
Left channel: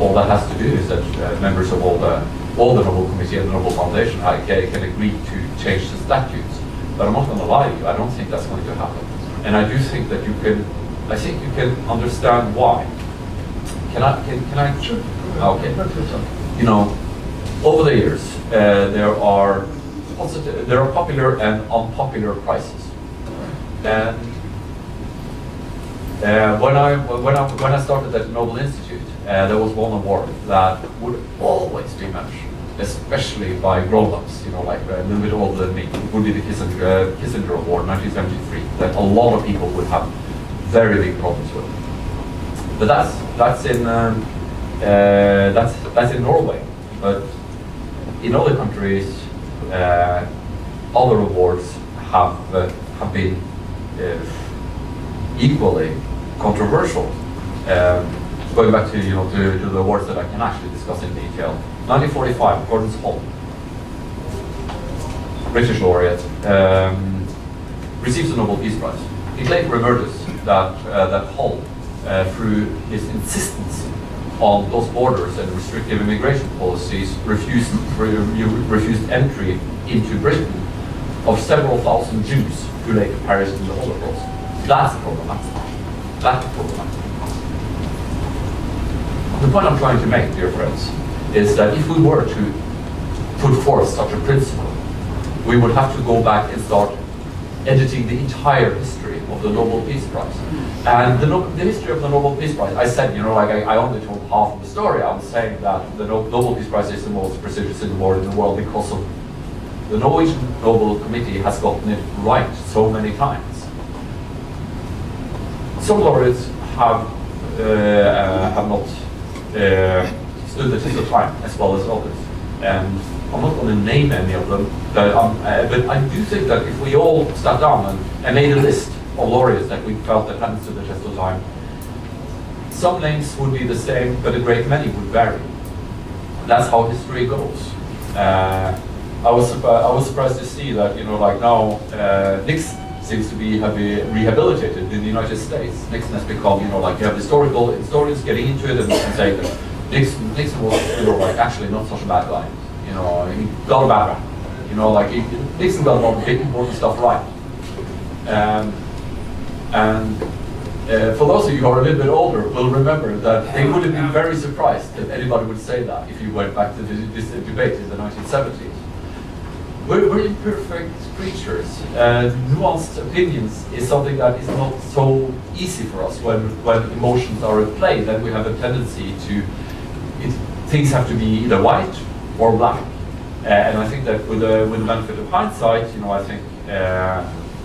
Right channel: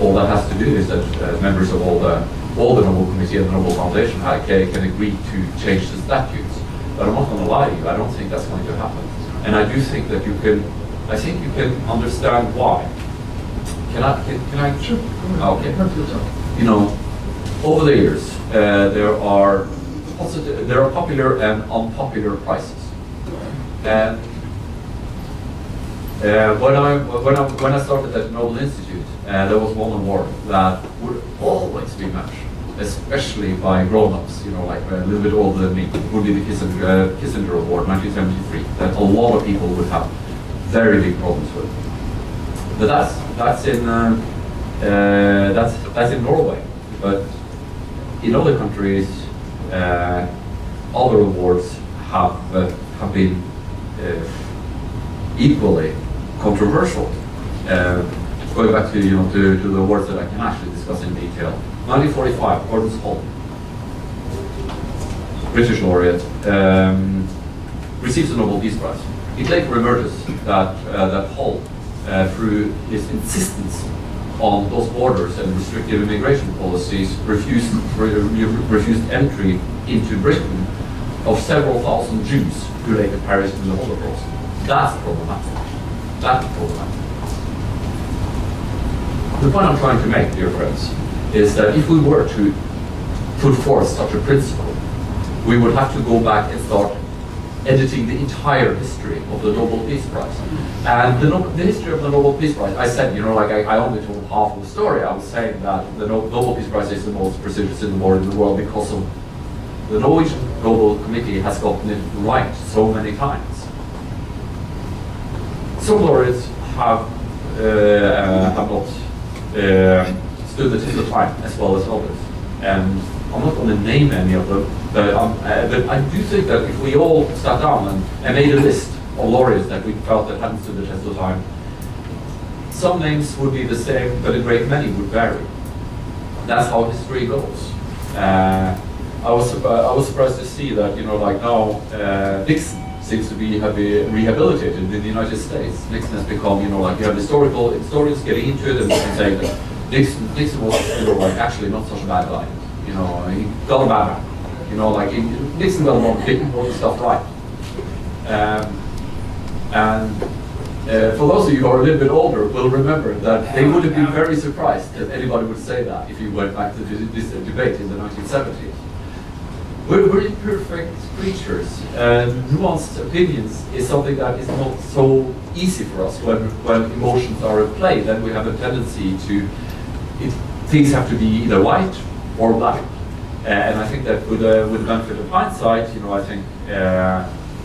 All that has to do is that members of all the Nobel Committee and the Nobel Foundation can agree to change the statutes. But I'm not going to lie to you, I don't think that's going to happen. And I do think that I think you can understand why. Can I? Sure. Okay. You know, over the years, there are popular and unpopular prices. And when I started at the Nobel Institute, there was one award that would always be mentioned, especially by grown-ups, you know, like a little bit older than me. It would be the Kissinger Award, 1973, that a lot of people would have very big problems with. But that's in Norway. But in other countries, other awards have been equally controversial. Going back to to the awards that I can actually discuss in detail. 1945, Gordon Hall, British laureate, receives the Nobel Peace Prize. It later emerges that Hall, through his insistence on those borders and restrictive immigration policies, refused entry into Britain of several thousand Jews who later perished in the Holocaust. That's problematic. That's problematic. The point I'm trying to make, dear friends, is that if we were to put forth such a principle, we would have to go back and start editing the entire history of the Nobel Peace Prize. And the history of the Nobel Peace Prize, I said, I only told half of the story. I was saying that the Nobel Peace Prize is the most prestigious award in the world because of the Norwegian Nobel Committee has gotten it right so many times. Some laureates have not stood the test of time as well as others, and I'm not going to name any of them, but I do think that if we all sat down and made a list of laureates that we felt that hadn't stood the test of time, some names would be the same, but a great many would vary. That's how history goes. I was surprised to see that now Nixon seems to be rehabilitated in the United States. Nixon has become you have historians getting into it and saying that Nixon was actually not such a bad guy. He got a bad rap. Nixon got a lot of important stuff right. For those of you who are a little bit older, will remember that they would have been very surprised if anybody would say that if you went back to this debate in the 1970s. We're very perfect creatures. Nuanced opinions is something that is not so easy for us when emotions are at play, that we have a tendency to, things have to be either white or black. And I think that with the benefit of hindsight, I think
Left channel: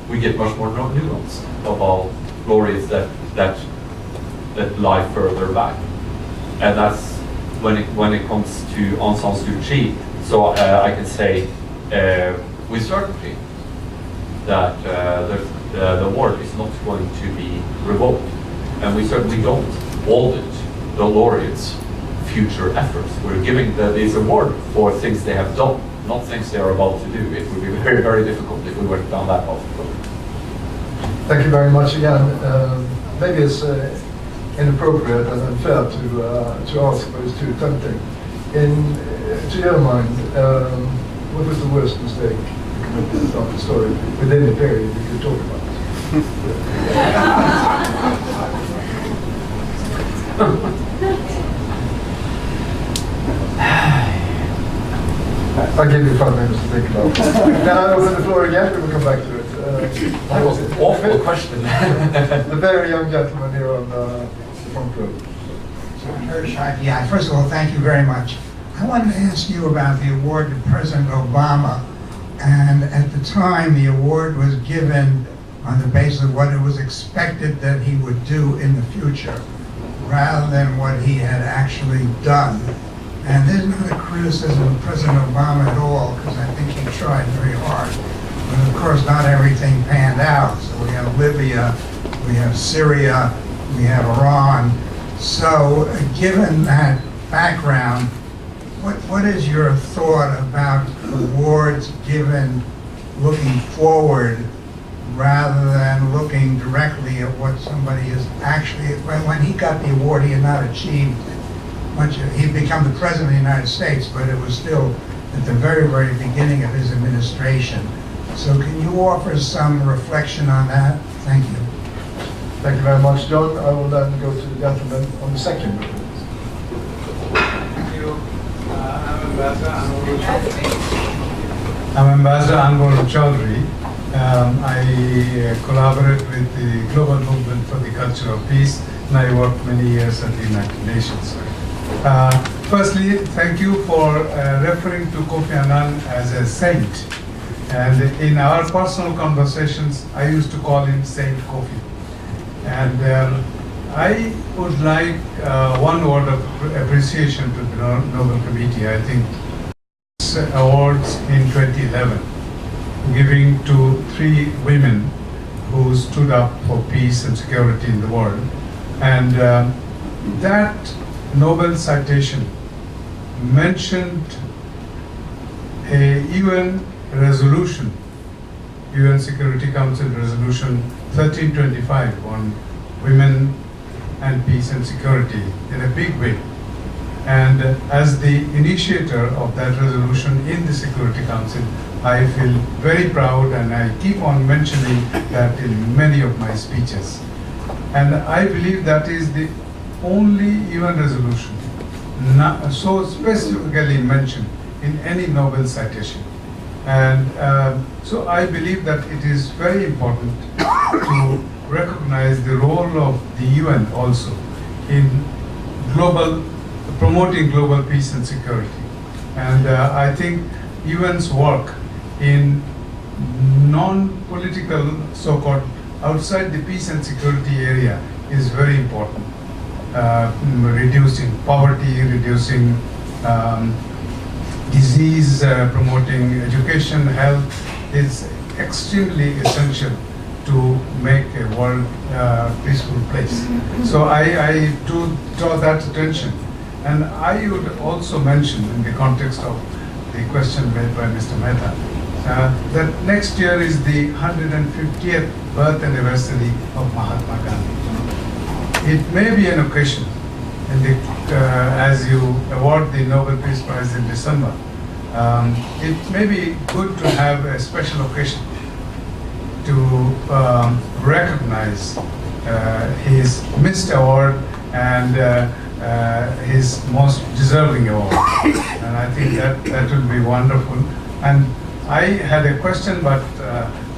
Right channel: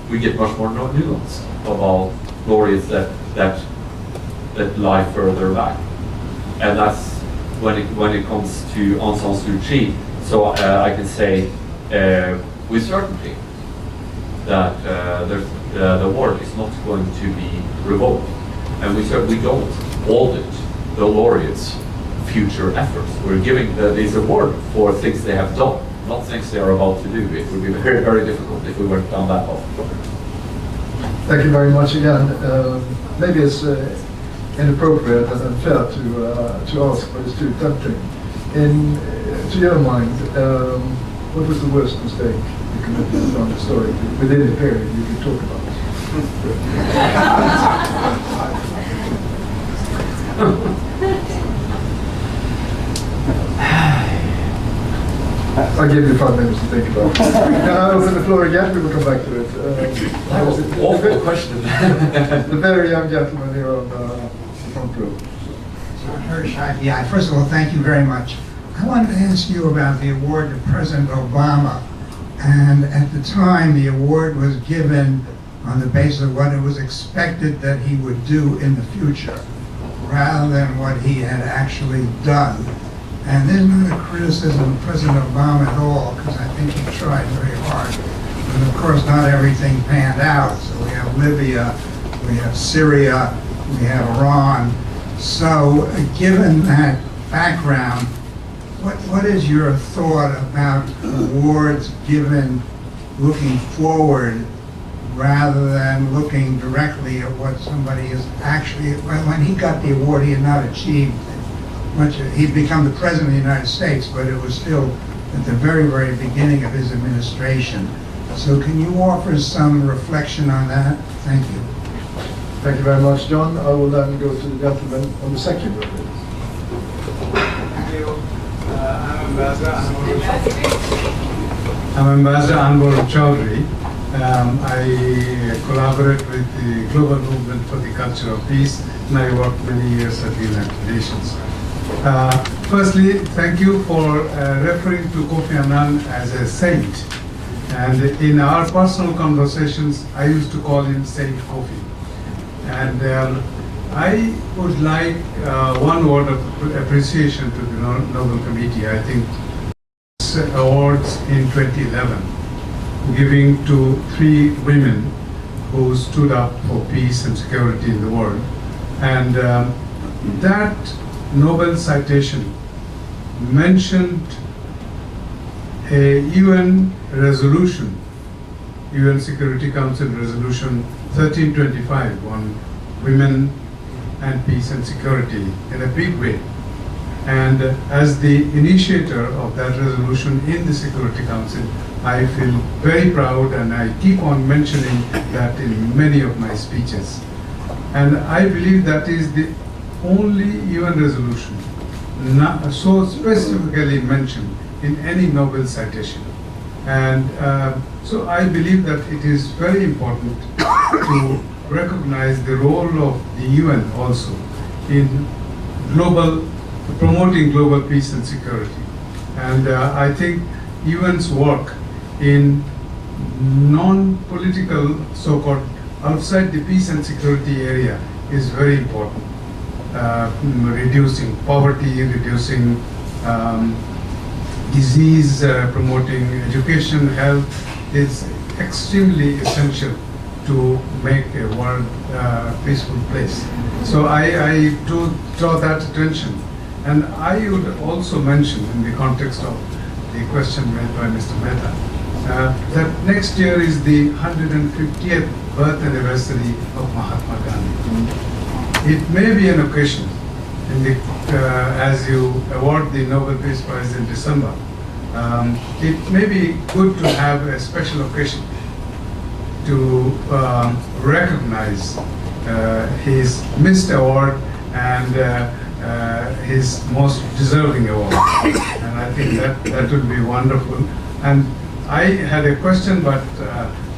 we get much more nuance about laureates that lie further back. And that's when it comes to Aung San Suu Kyi. So I can say with certainty that the award is not going to be revoked, and we certainly don't audit the laureates' future efforts. We're giving this award for things they have done, not things they are about to do. It would be very, very difficult if we went down that path. Thank you very much again. Maybe it's inappropriate and unfair to ask, but it's too tempting. To your mind, what was the worst mistake you committed on the story within the period you could talk about? I'll give you 5 minutes to think about it. Now I open the floor again, we will come back to it. That was an awful question. The very young gentleman here on the front row. Yeah, first of all, thank you very much. I wanted to ask you about the award to President Obama. And at the time, the award was given on the basis of what it was expected that he would do in the future, rather than what he had actually done. And there's not a criticism of President Obama at all, because I think he tried very hard. But of course, not everything panned out. So we have Libya, we have Syria, we have Iran. So given that background, what is your thought about awards given looking forward rather than looking directly at what somebody is actually, when he got the award, he had not achieved much. He'd become the President of the United States, but it was still at the very, very beginning of his administration. So can you offer some reflection on that? Thank you. Thank you very much, John. I will then go to the gentleman on the second row. I'm Ambassador Anwar Chaudhry. I collaborate with the Global Movement for the Culture of Peace, and I worked many years at the United Nations. Firstly, thank you for referring to Kofi Annan as a saint. And in our personal conversations, I used to call him Saint Kofi. And I would like one word of appreciation to the Nobel Committee. I think awards in 2011, giving to 3 women who stood up for peace and security in the world. And that Nobel citation mentioned a UN resolution, UN Security Council Resolution 1325 on women and peace and security in a big way. And as the initiator of that resolution in the Security Council, I feel very proud, and I keep on mentioning that in many of my speeches. And I believe that is the only UN resolution so specifically mentioned in any Nobel citation. And so I believe that it is very important to recognize the role of the UN also in promoting global peace and security. And I think UN's work in non-political, so-called outside the peace and security area is very important. Reducing poverty, reducing disease, promoting education, health is extremely essential to make a world peaceful place. So I do draw that attention. And I would also mention, in the context of the question made by Mr. Mehta, that next year is the 150th birth anniversary of Mahatma Gandhi. It may be an occasion, as you award the Nobel Peace Prize in December, it may be good to have a special occasion to recognize his missed award and his most deserving award. And I think that would be wonderful. And I had a question, but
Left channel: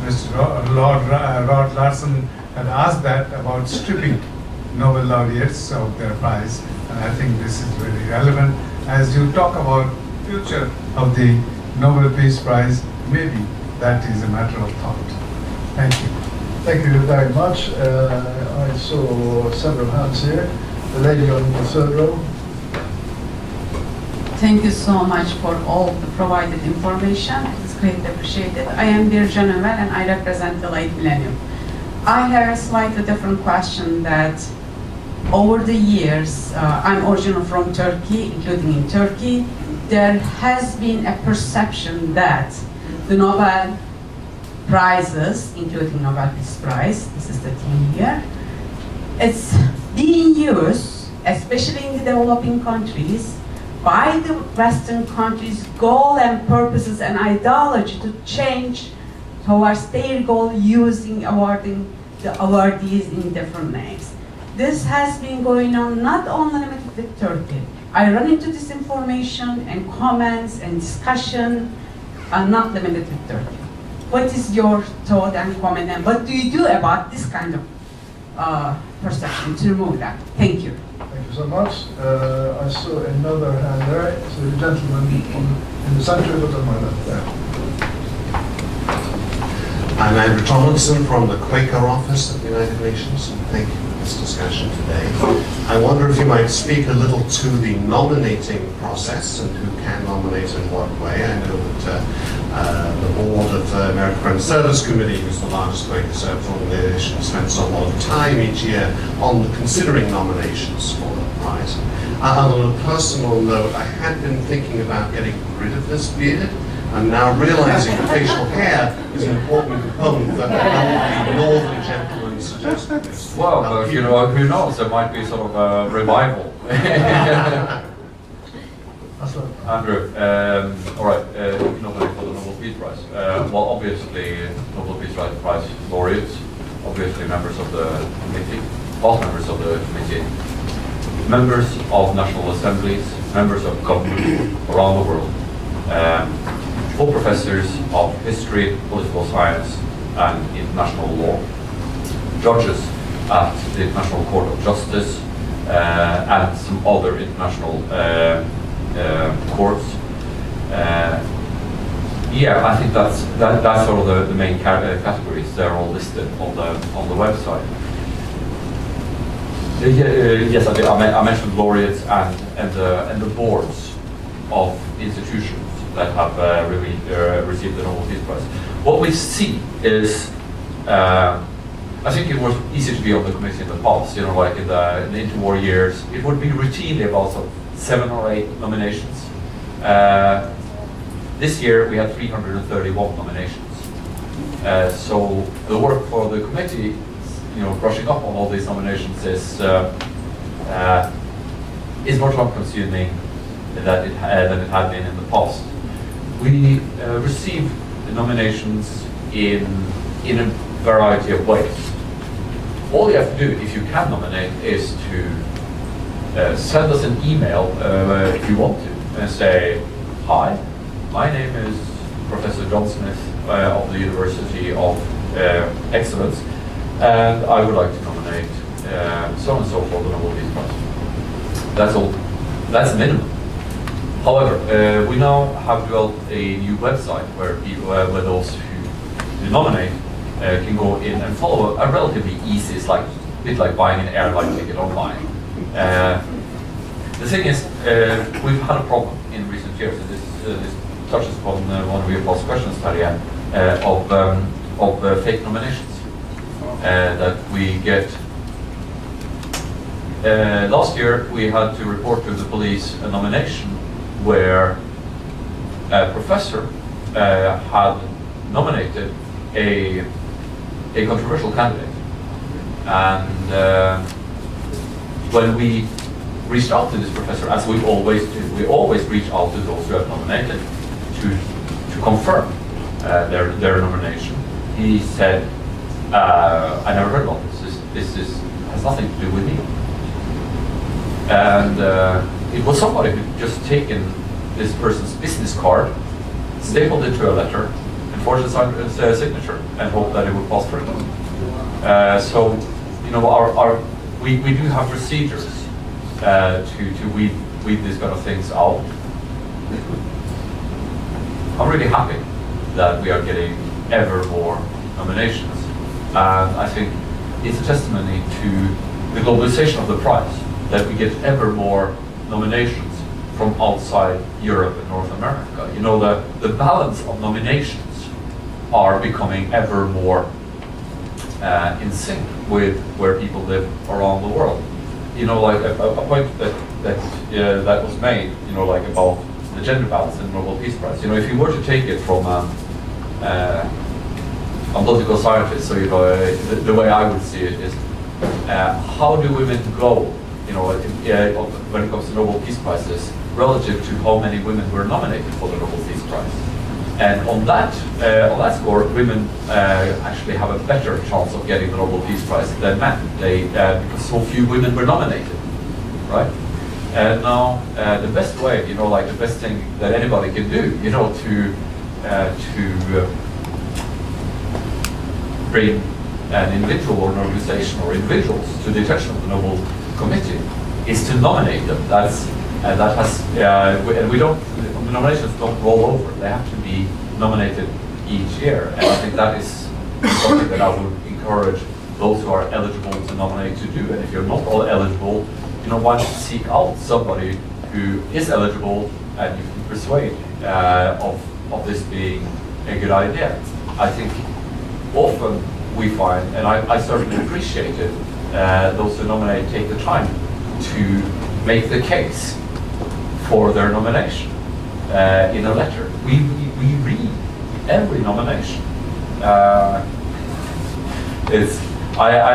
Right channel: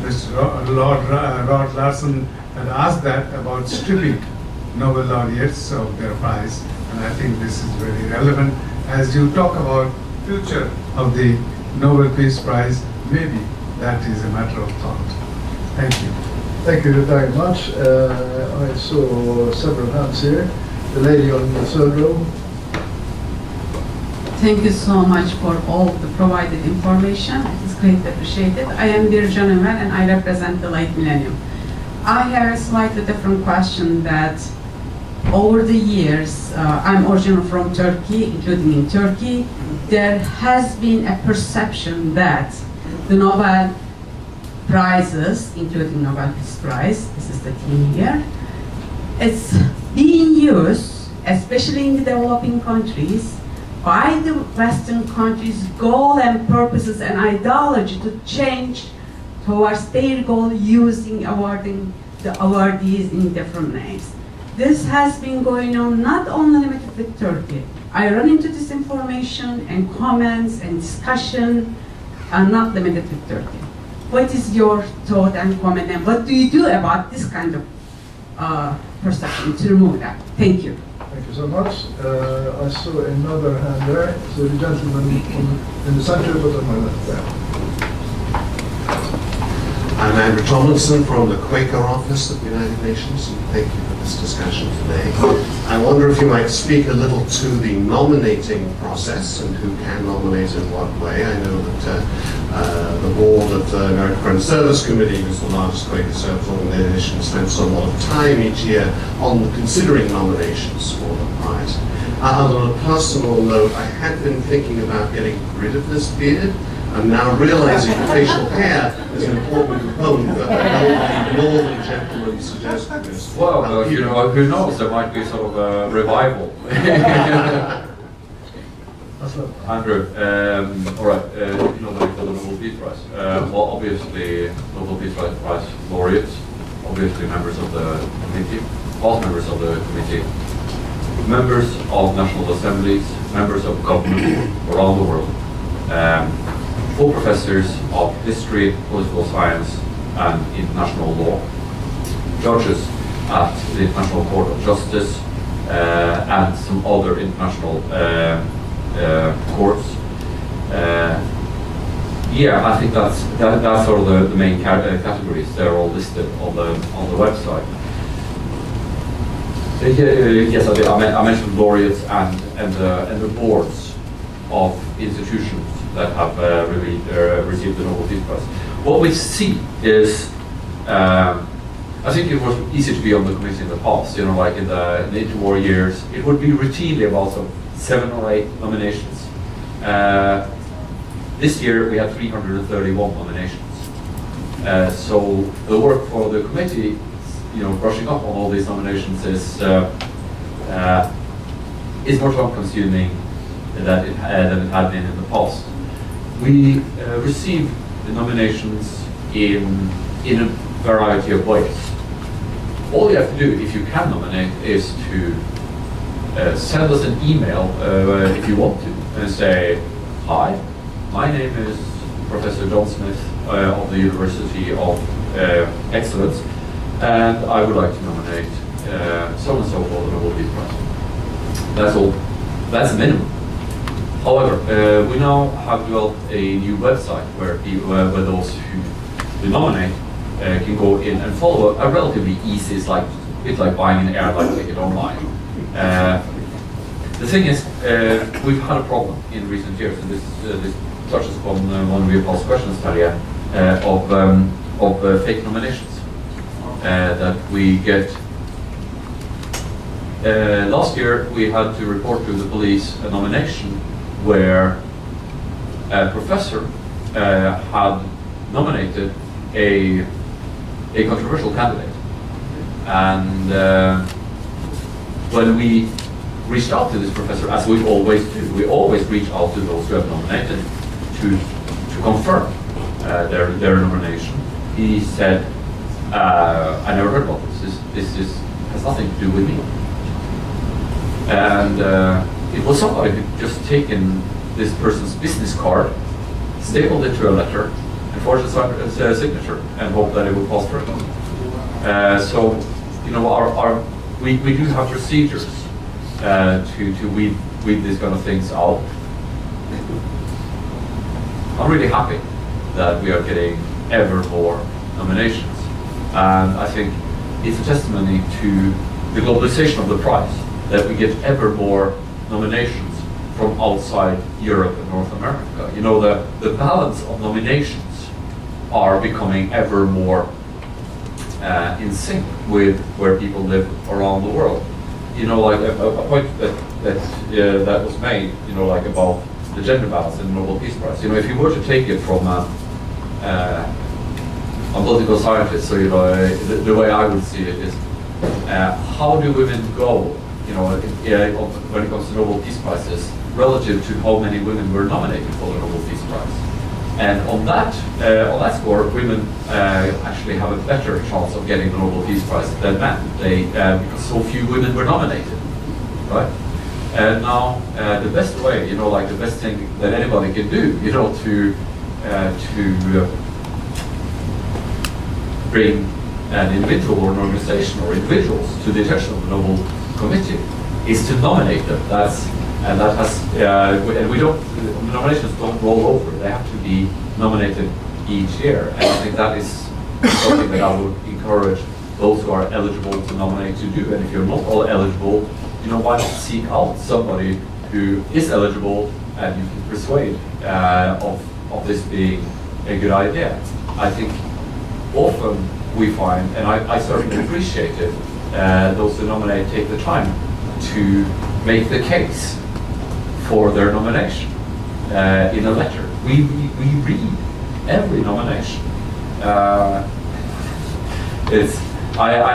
Mr. Rod Larson had asked that about stripping Nobel laureates of their prize. And I think this is very relevant. As you talk about future of the Nobel Peace Prize, maybe that is a matter of thought. Thank you. Thank you very much. I saw several hands here. The lady on the third row. Thank you so much for all the provided information. It's greatly appreciated. I am Bircan Ömer and I represent the late millennium. I have a slightly different question that over the years, I'm originally from Turkey, including in Turkey, there has been a perception that the Nobel Prizes, including Nobel Peace Prize, this is the team here, it's being used, especially in the developing countries, by the Western countries' goal and purposes and ideology to change towards their goal using awarding the awardees in different names. This has been going on not only limited with Turkey. I run into this information and comments and discussion are not limited with Turkey. What is your thought and comment, and what do you do about this kind of perception to remove that? Thank you. Thank you so much. I saw another hand there. So the gentleman in the center, but on my left there. I'm Andrew Tomlinson from the Quaker office at the United Nations. Thank you for this discussion today. I wonder if you might speak a little to the nominating process and who can nominate in what way. I know that the board of the American Friends Service Committee, who's the largest Quaker service organization, spends a lot of time each year on considering nominations for the prize. On a personal note, I had been thinking about getting rid of this beard. I'm now realizing facial hair is an important component that the northern gentleman suggested this. Well, you know, who knows, there might be sort of a revival. Andrew, all right, nominate for the Nobel Peace Prize. Well, obviously, Nobel Peace Prize laureates, obviously members of the committee, both members of the committee, members of national assemblies, members of government around the world, full professors of history, political science, and international law, judges at the International Court of Justice, and some other international courts. Yeah, I think that's sort of the main categories. They're all listed on the website. Yes, I mentioned laureates and the boards of institutions that have really received the Nobel Peace Prize. What we see is, I think it was easy to be on the committee in the past. You know, like in the interwar years, it would be routinely about 7 or 8 nominations. This year we had 331 nominations. So the work for the committee, you know, brushing up on all these nominations is much more consuming than it had been in the past. We receive the nominations in a variety of ways. All you have to do, if you can nominate, is to send us an email if you want to, and say, "Hi, my name is Professor John Smith of the University of Excellence, and I would like to nominate so and so for the Nobel Peace Prize." That's all. That's the minimum. However, we now have developed a new website where people, where those who nominate can go in and follow a relatively easy. It's like a bit like buying an airline ticket online. The thing is, we've had a problem in recent years, and this touches upon one of your past questions, Terje, of fake nominations that we get. Last year, we had to report to the police a nomination where a professor had nominated a controversial candidate, and when we reached out to this professor, as we always do, we always reach out to those who have nominated to confirm their nomination. He said, "I never heard about this. This has nothing to do with me." And it was somebody who just taken this person's business card, stapled it to a letter, and forged a signature, and hoped that it would pass through. So, you know, we do have procedures to weed these kind of things out. I'm really happy that we are getting ever more nominations, and I think it's a testimony to the globalization of the prize that we get ever more nominations from outside Europe and North America. You know, the balance of nominations are becoming ever more in sync with where people live around the world. You know, like a point that was made, you know, like about the gender balance in the Nobel Peace Prize. You know, if you were to take it from a political scientist, so, you know, the way I would see it is, how do women go, you know, when it comes to Nobel Peace Prizes, relative to how many women were nominated for the Nobel Peace Prize? And on that score, women actually have a better chance of getting the Nobel Peace Prize than men. Because so few women were nominated, right? And now the best way, you know, like the best thing that anybody can do, you know, to bring an individual or an organization or individuals to the attention of the Nobel Committee is to nominate them. And we don't, the nominations don't roll over. They have to be nominated each year. And I think that is something that I would encourage those who are eligible to nominate to do. And if you're not all eligible, you know, why not seek out somebody who is eligible and you can persuade of this being a good idea. I think often we find, and I certainly appreciate it, those who nominate take the time to make the case for their nomination in a letter. We read every nomination. I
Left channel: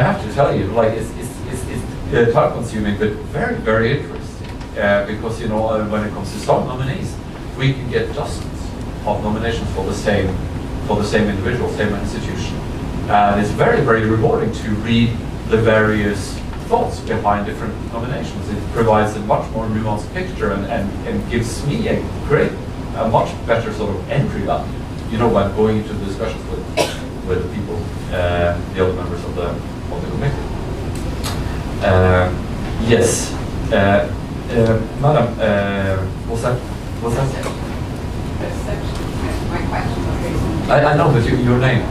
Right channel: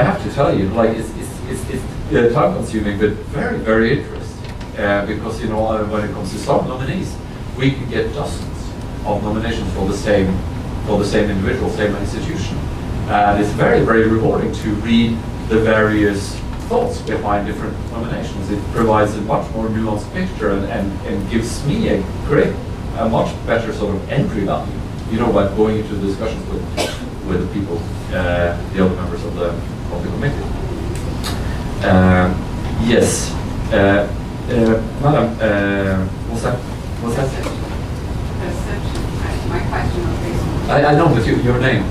have to tell you, like it's time consuming, but very, very interesting. Because, you know, when it comes to some nominees, we can get dozens of nominations for the same individual, same institution. And it's very, very rewarding to read the various thoughts behind different nominations. It provides a much more nuanced picture and gives me a much better sort of entry value, you know, when going into the discussions with the people, the other members of the committee. Yes, Madam, what's that? My question was based on. I know, but your name?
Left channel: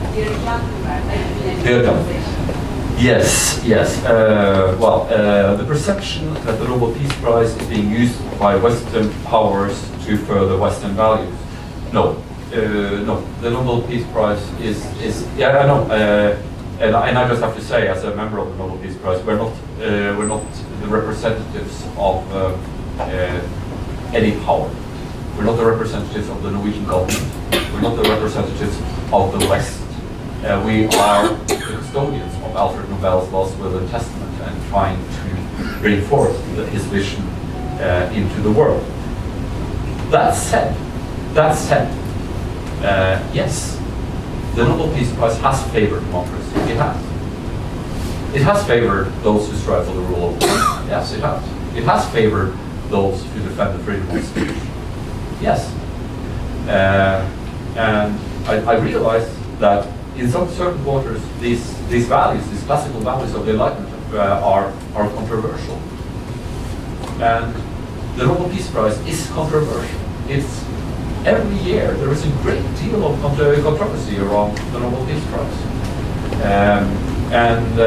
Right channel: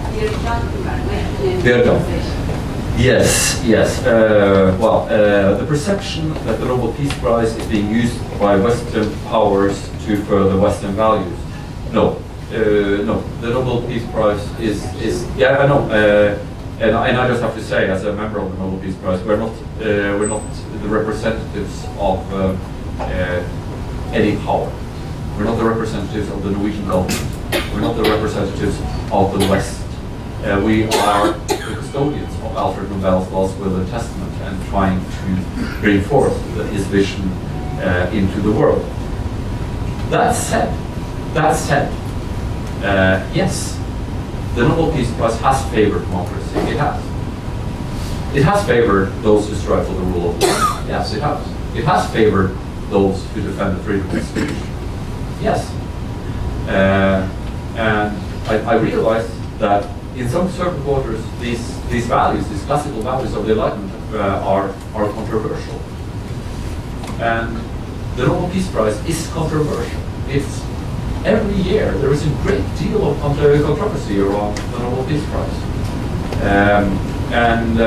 Yes, yes. Well, the perception that the Nobel Peace Prize is being used by Western powers to further Western values. No, no. The Nobel Peace Prize is yeah, I know. And I just have to say, as a member of the Nobel Peace Prize, we're not the representatives of any power. We're not the representatives of the Norwegian government. We're not the representatives of the West. We are the custodians of Alfred Nobel's last will and testament and trying to bring forth his vision into the world. That said, yes, the Nobel Peace Prize has favored democracy. It has. It has favored those who strive for the rule of law. Yes, it has. It has favored those who defend the freedom of speech. Yes. And I realize that in some certain quarters, these values, these classical values of the Enlightenment are controversial. And the Nobel Peace Prize is controversial. It's every year there is a great deal of controversy around the Nobel Peace Prize, and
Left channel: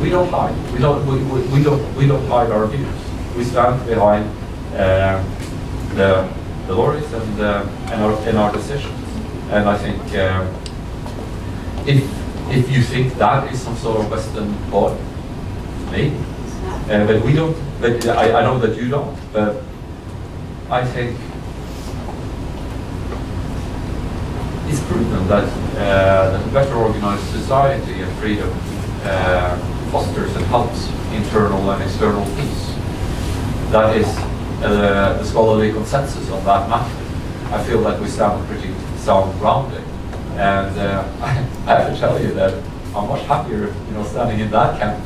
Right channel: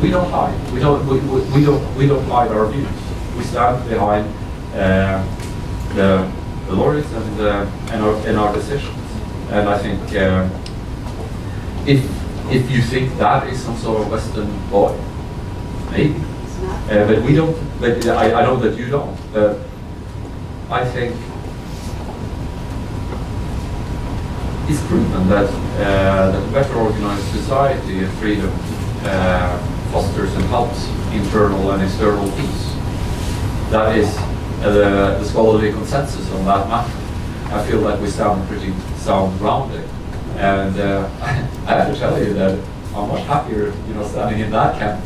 we don't hide. We don't hide our views. We stand behind the laureates and our decisions. And I think if you think that is some sort of Western law, maybe, but we don't. But I know that you don't. But I think it's proven that a better organized society and freedom fosters and helps internal and external peace. That is the scholarly consensus on that matter. I feel that we stand on pretty sound grounding, and I have to tell you that I'm much happier, standing in that camp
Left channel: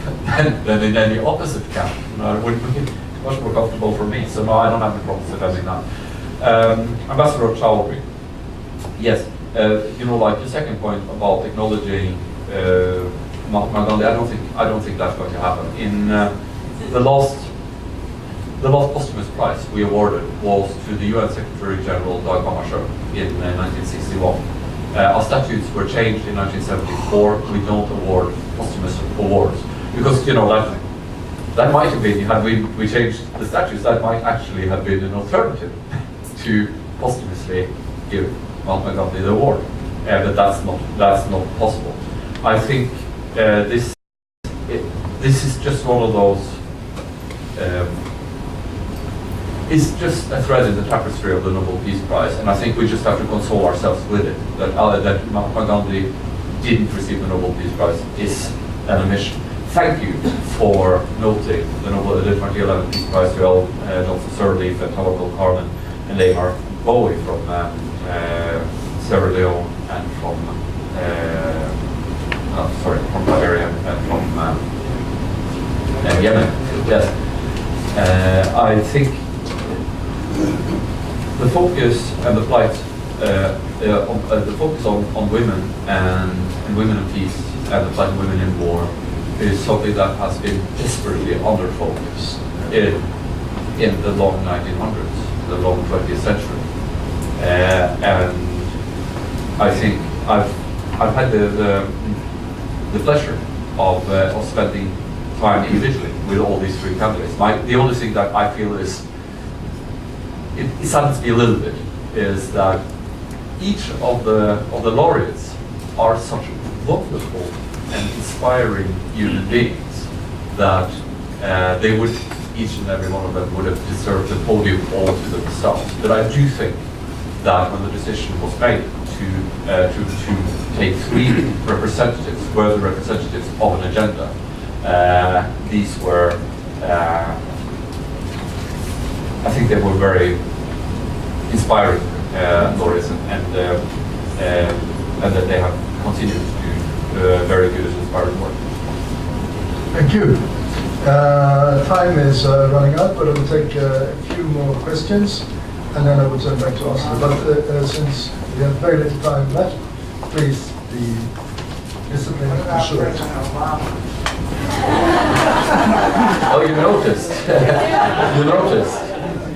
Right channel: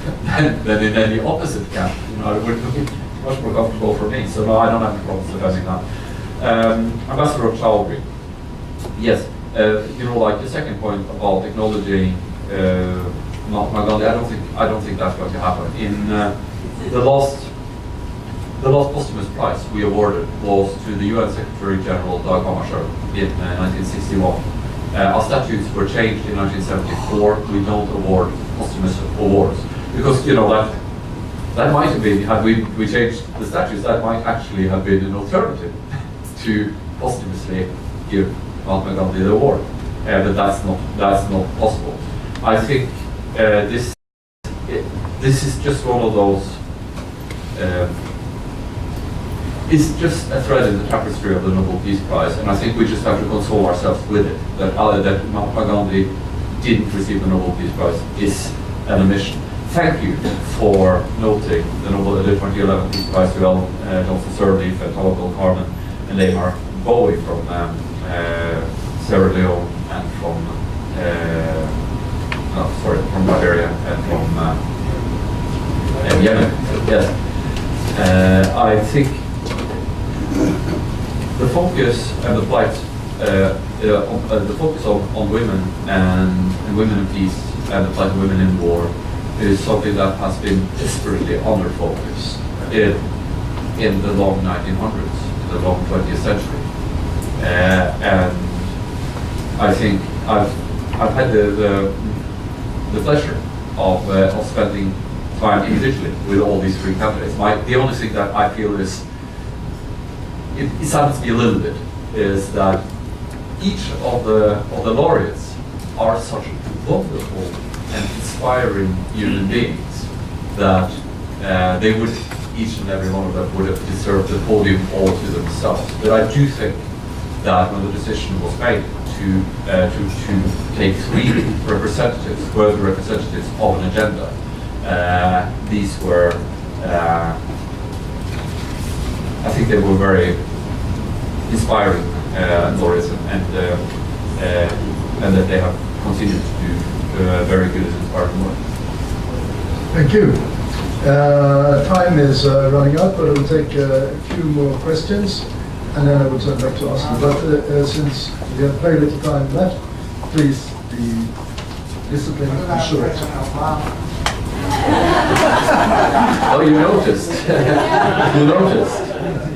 than in any opposite camp. It would be much more comfortable for me. So no, I don't have any problems defending that. Ambassador Chaudhry, yes, like the second point about acknowledging Mahatma Gandhi, I don't think that's going to happen. In the last posthumous prize we awarded was to the UN Secretary General Dag Hammarskjöld in 1961. Our statutes were changed in 1974. We don't award posthumous awards because that might have been, had we changed the statutes, that might actually have been an alternative to posthumously give Mahatma Gandhi the award, but that's not possible. I think this is just one of those. It's just a thread in the tapestry of the Nobel Peace Prize, and I think we just have to console ourselves with it. That Mahatma Gandhi didn't receive the Nobel Peace Prize is an omission. Thank you for noting the 2011 Peace Prize to Johnson Sirleaf and Tawakkol Karman and Amar Bowie from Sierra Leone and from Liberia and from Yemen. Yes, I think the focus and the plight, the focus on women and women in peace and the plight of women in war is something that has been desperately under-focused in the long 1900s, the long 20th century, and I think I've had the pleasure of spending time individually with all these three candidates. The only thing that I feel is it saddens me a little bit is that each of the laureates are such wonderful and inspiring human beings that they would, each and every one of them would have deserved the podium all to themselves. But I do think that when the decision was made to take three representatives, worthy representatives of an agenda, these were, I think they were very inspiring laureates, and that they have continued to do very good and inspiring work. Thank you. Time is running out, but I will take a few more questions, and then I will turn back to Asle. But since we have very little time left, please be disciplined and short. Oh, you noticed. You noticed.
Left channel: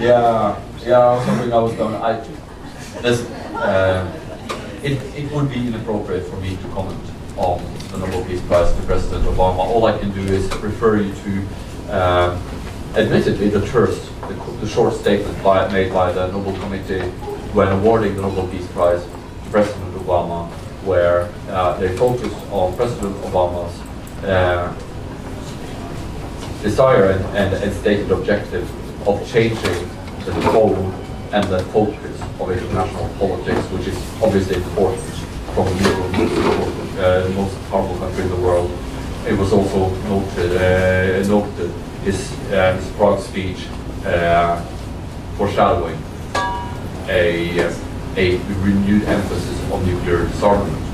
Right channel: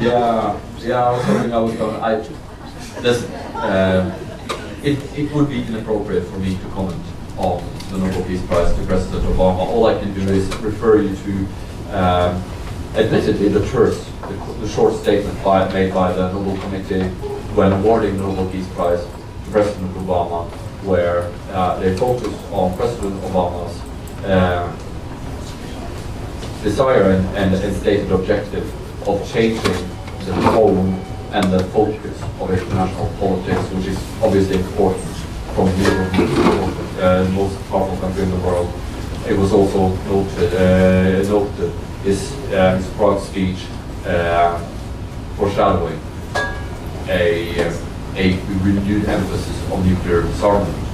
Yeah, something I was going to... It would be inappropriate for me to comment on the Nobel Peace Prize to President Obama. All I can do is refer you to, admittedly, the short statement made by the Nobel Committee when awarding the Nobel Peace Prize to President Obama, where they focused on President Obama's desire and stated objective of changing the tone and the focus of international politics, which is obviously important from Europe, the most powerful country in the world. It was also noted his Prague speech foreshadowing a renewed emphasis on nuclear disarmament.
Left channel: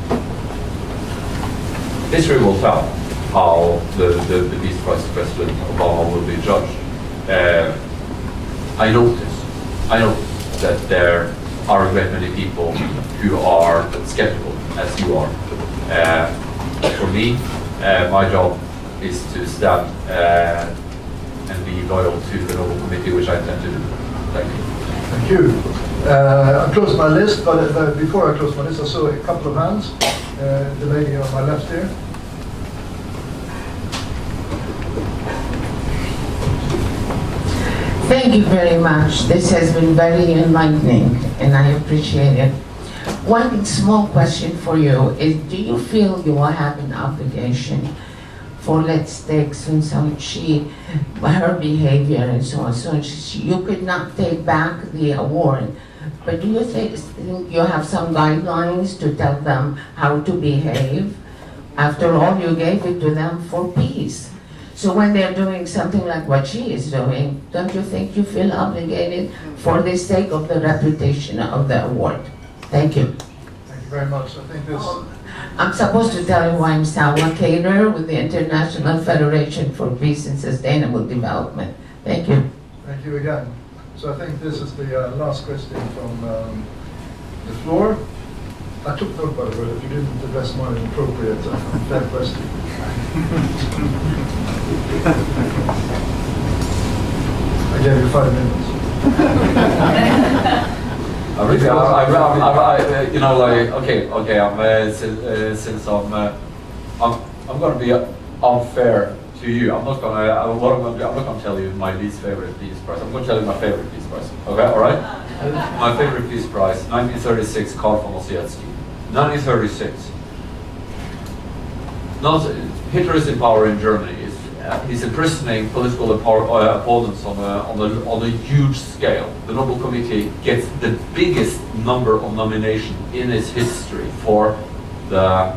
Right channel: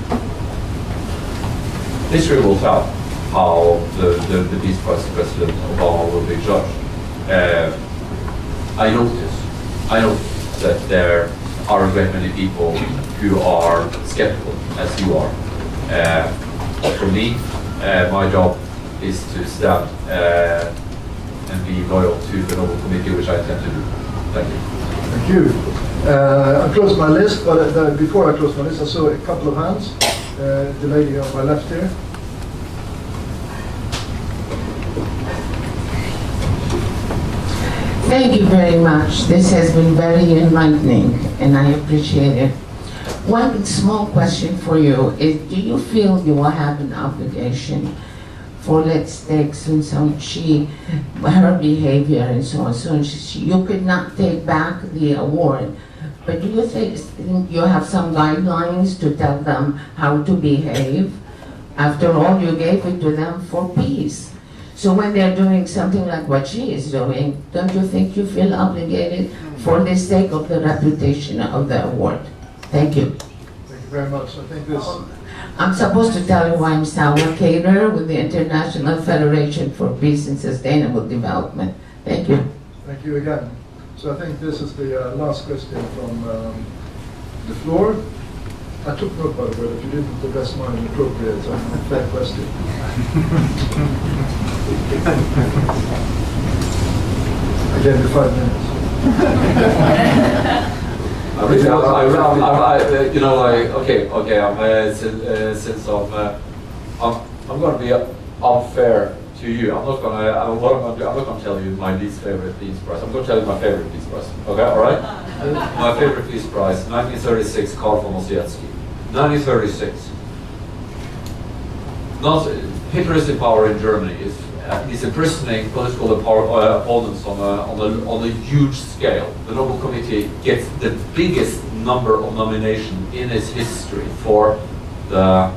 History will tell how the Peace Prize President Obama will be judged. I notice that there are a great many people who are skeptical, as you are. For me, my job is to stand and be loyal to the Nobel Committee, which I intend to do. Thank you. Thank you. I closed my list, but before I closed my list, I saw a couple of hands. The lady on my left here. Thank you very much. This has been very enlightening, and I appreciate it. One small question for you is, do you feel you will have an obligation for, let's take her behavior and so on, so you could not take back the award, but do you think you have some guidelines to tell them how to behave? After all, you gave it to them for peace. So when they're doing something like what she is doing, don't you think you feel obligated for the sake of the reputation of the award? Thank you. Thank you very much. I think this... I'm supposed to tell you I'm Salma Kader with the International Federation for Peace and Sustainable Development. Thank you. Thank you again. So I think this is the last question from the floor. I took note, by the way, if you didn't address mine an appropriate, fair question. I gave you 5 minutes. Since I'm going to be unfair to you. I'm not going to tell you my least favorite Peace Prize. I'm going to tell you my favorite Peace Prize. Okay, all right? My favorite Peace Prize, 1936, Karl von Ossietzky. 1936. Hitler is in power in Germany. He's imprisoning political opponents on a huge scale. The Nobel Committee gets the biggest number of nominations in its history for the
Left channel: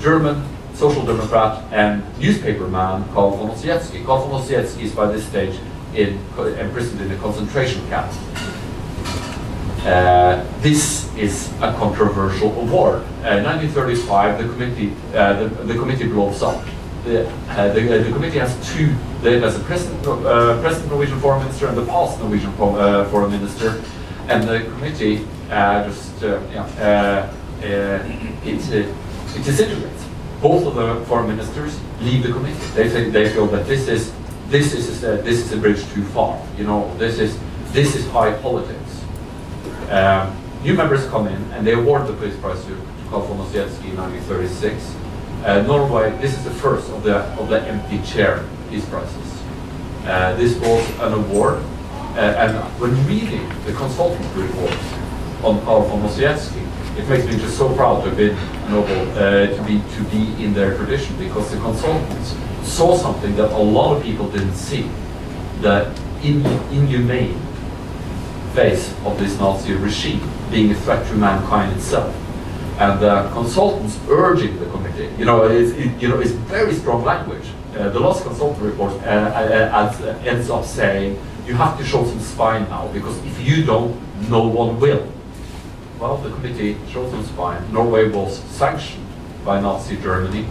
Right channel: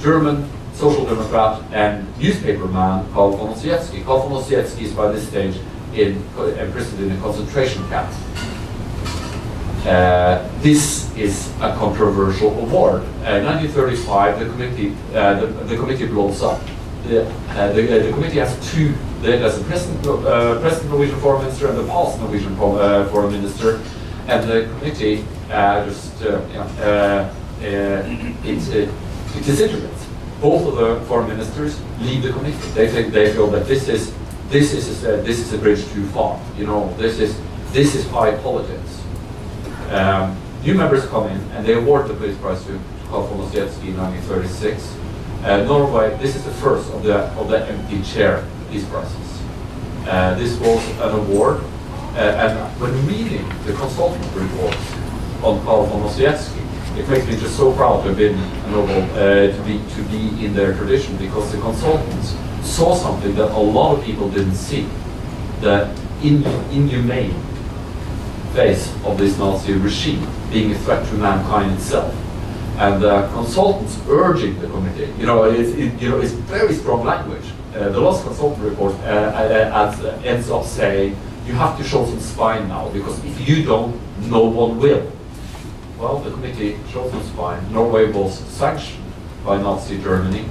German Social Democrat and newspaperman Karl von Ossietzky. Karl von Ossietzky is by this stage imprisoned in a concentration camp. This is a controversial award. In 1935, the committee blows up. The committee has two. There's a present Norwegian foreign minister and the past Norwegian foreign minister, and the committee it disintegrates. Both of the foreign ministers leave the committee. They feel that this is a bridge too far. You know, this is high politics. New members come in and they award the Peace Prize to Karl von Ossietzky in 1936. Norway, this is the first of the empty chair Peace Prizes. This was an award, and when reading the consultant report on Karl von Ossietzky, it makes me just so proud to have been a Nobel, to be in their tradition, because the consultants saw something that a lot of people didn't see: the inhumane face of this Nazi regime being a threat to mankind itself. And the consultants urging the committee, it's very strong language. The last consultant report ends up saying, you have to show some spine now, because if you don't, no one will. Well, the committee showed some spine. Norway was sanctioned by Nazi Germany.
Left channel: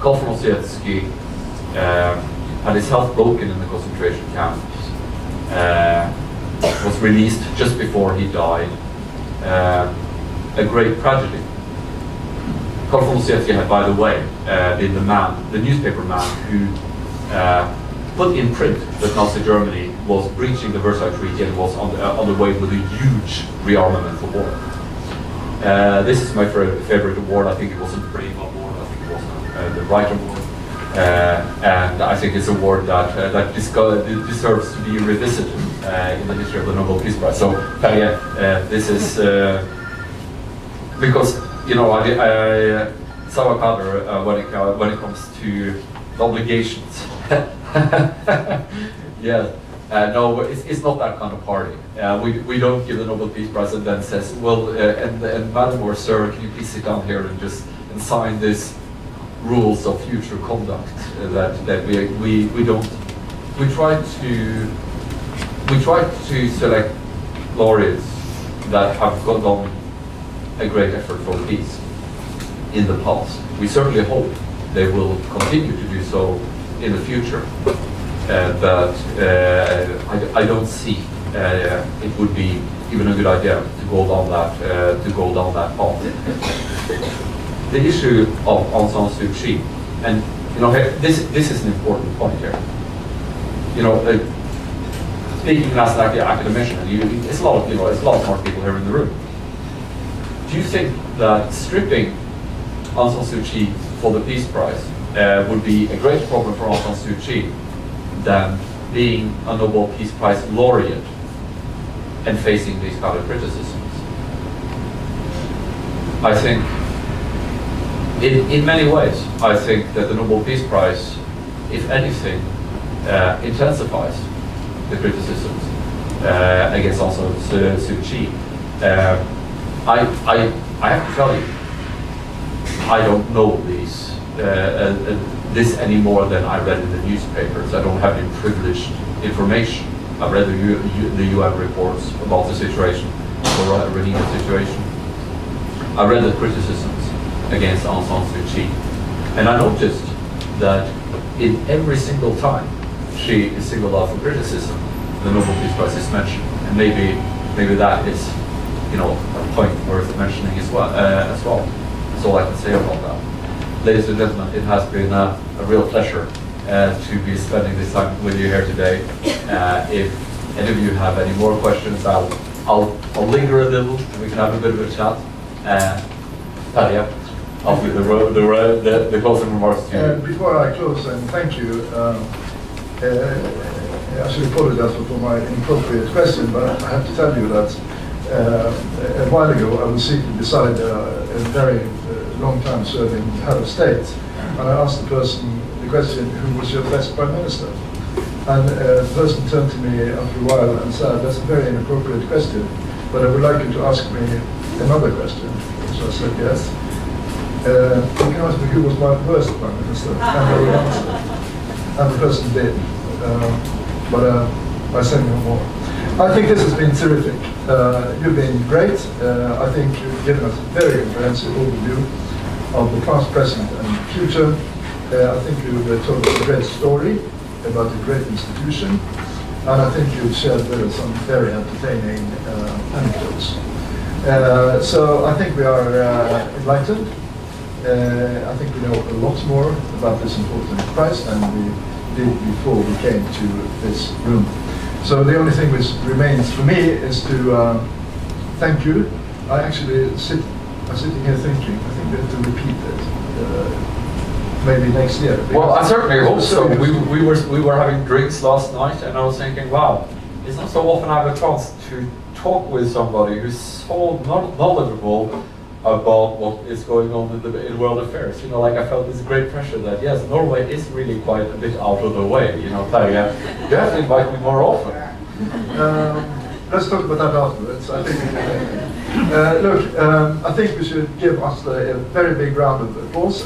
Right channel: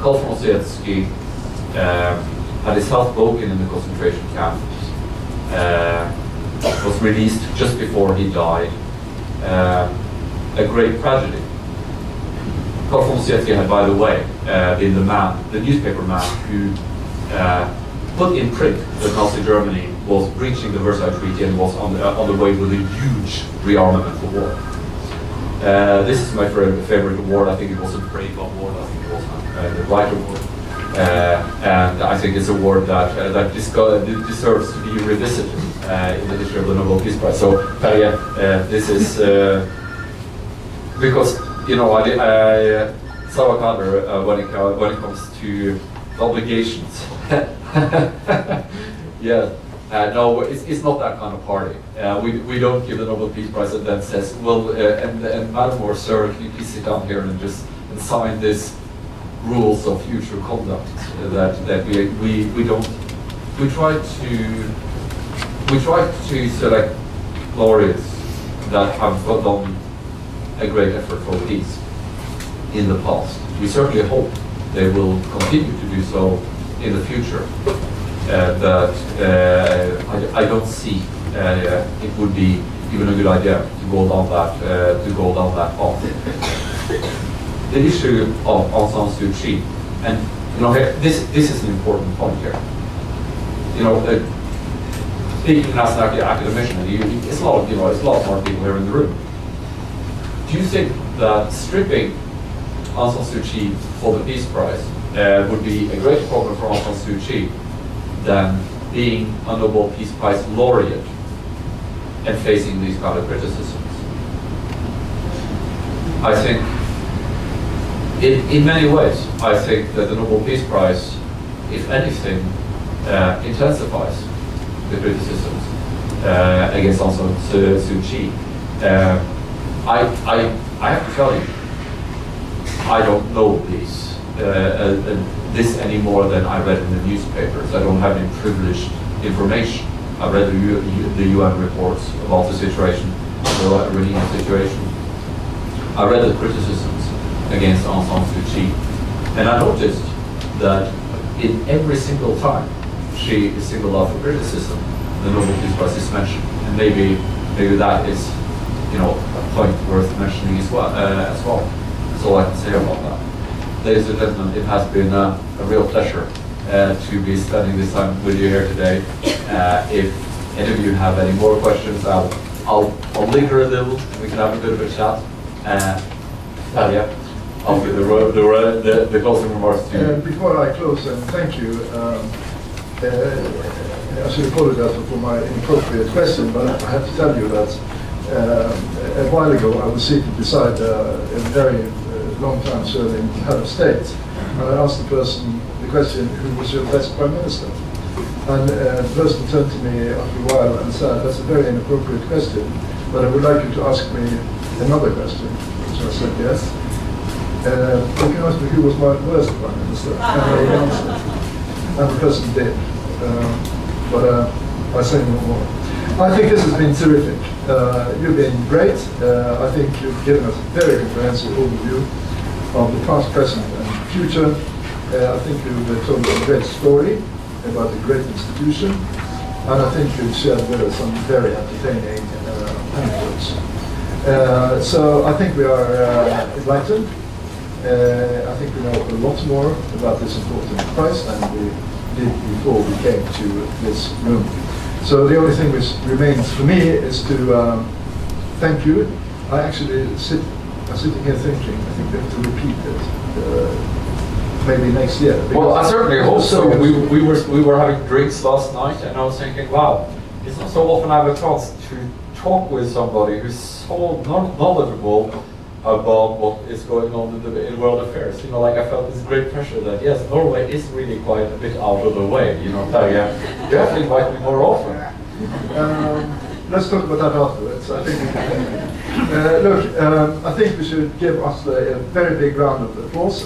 Karl von Ossietzky had his health broken in the concentration camps, was released just before he died. A great tragedy. Carl von Seecki had, by the way, been the newspaper man who put in print that Nazi Germany was breaching the Versailles Treaty and was on the way with a huge rearmament war. This is my favorite award. I think it was a Brave Award. I think it was the Right Award. And I think it's an award that deserves to be revisited in the history of the Nobel Peace Prize. So, Terje, this is because I Sauerkraut when it comes to obligations. Yeah. No, it's not that kind of party. We don't give the Nobel Peace Prize and then says, well, and Madam or Sir, can you please sit down here and just sign this rules of future conduct that we don't. We try to select laureates that have done a great effort for peace in the past. We certainly hope they will continue to do so in the future. But I don't see it would be even a good idea to go down that path. The issue of Aung San Suu Kyi, and this is an important point here. Speaking as an academician, it's a lot of smart people here in the room. Do you think that stripping Aung San Suu Kyi for the Peace Prize would be a greater problem for Aung San Suu Kyi than being a Nobel Peace Prize laureate and facing these kind of criticisms? I think, in many ways, I think that the Nobel Peace Prize, if anything, intensifies the criticisms against Aung San Suu Kyi. I have to tell you, I don't know this any more than I read in the newspapers. I don't have any privileged information. I read the UN reports about the situation, the Rohingya situation. I read the criticisms against Aung San Suu Kyi, and I noticed that in every single time she is singled out for criticism, the Nobel Peace Prize is mentioned, and maybe that is a point worth mentioning as well. That's all I can say about that. Ladies and gentlemen, it has been a real pleasure to be spending this time with you here today. If any of you have any more questions, I'll linger a little. We can have a bit of a chat. Terje, after the closing remarks to you. Before I close, and thank you. I should apologize for my inappropriate question, but I have to tell you that a while ago I was seated beside a very long-time serving head of state. I asked the person the question, who was your best prime minister? And the person turned to me after a while and said, that's a very inappropriate question, but I would like you to ask me another question. So I said, yes. You can ask me who was my worst prime minister, and I answered. And the person did. But I say no more. I think this has been terrific. You've been great. I think you've given us a very comprehensive overview of the past, present, and future. I think you've told us a great story about a great institution, and I think you've shared with us some very entertaining anecdotes. So I think we are enlightened. I think we know a lot more about this important prize than we did before we came to this room. So the only thing which remains for me is to thank you. I actually I'm sitting here thinking, I think we have to repeat it. Maybe next year. Well, I certainly hope so. We were having drinks last night, and I was thinking, wow, it's not so often I have a chance to talk with somebody who's so knowledgeable about what is going on in world affairs. Like I felt this great pressure that yes, Norway is really quite a bit out of the way. Terje, you have to invite me more often. Let's talk about that afterwards. I think. Look, I think we should give us a very big round of applause.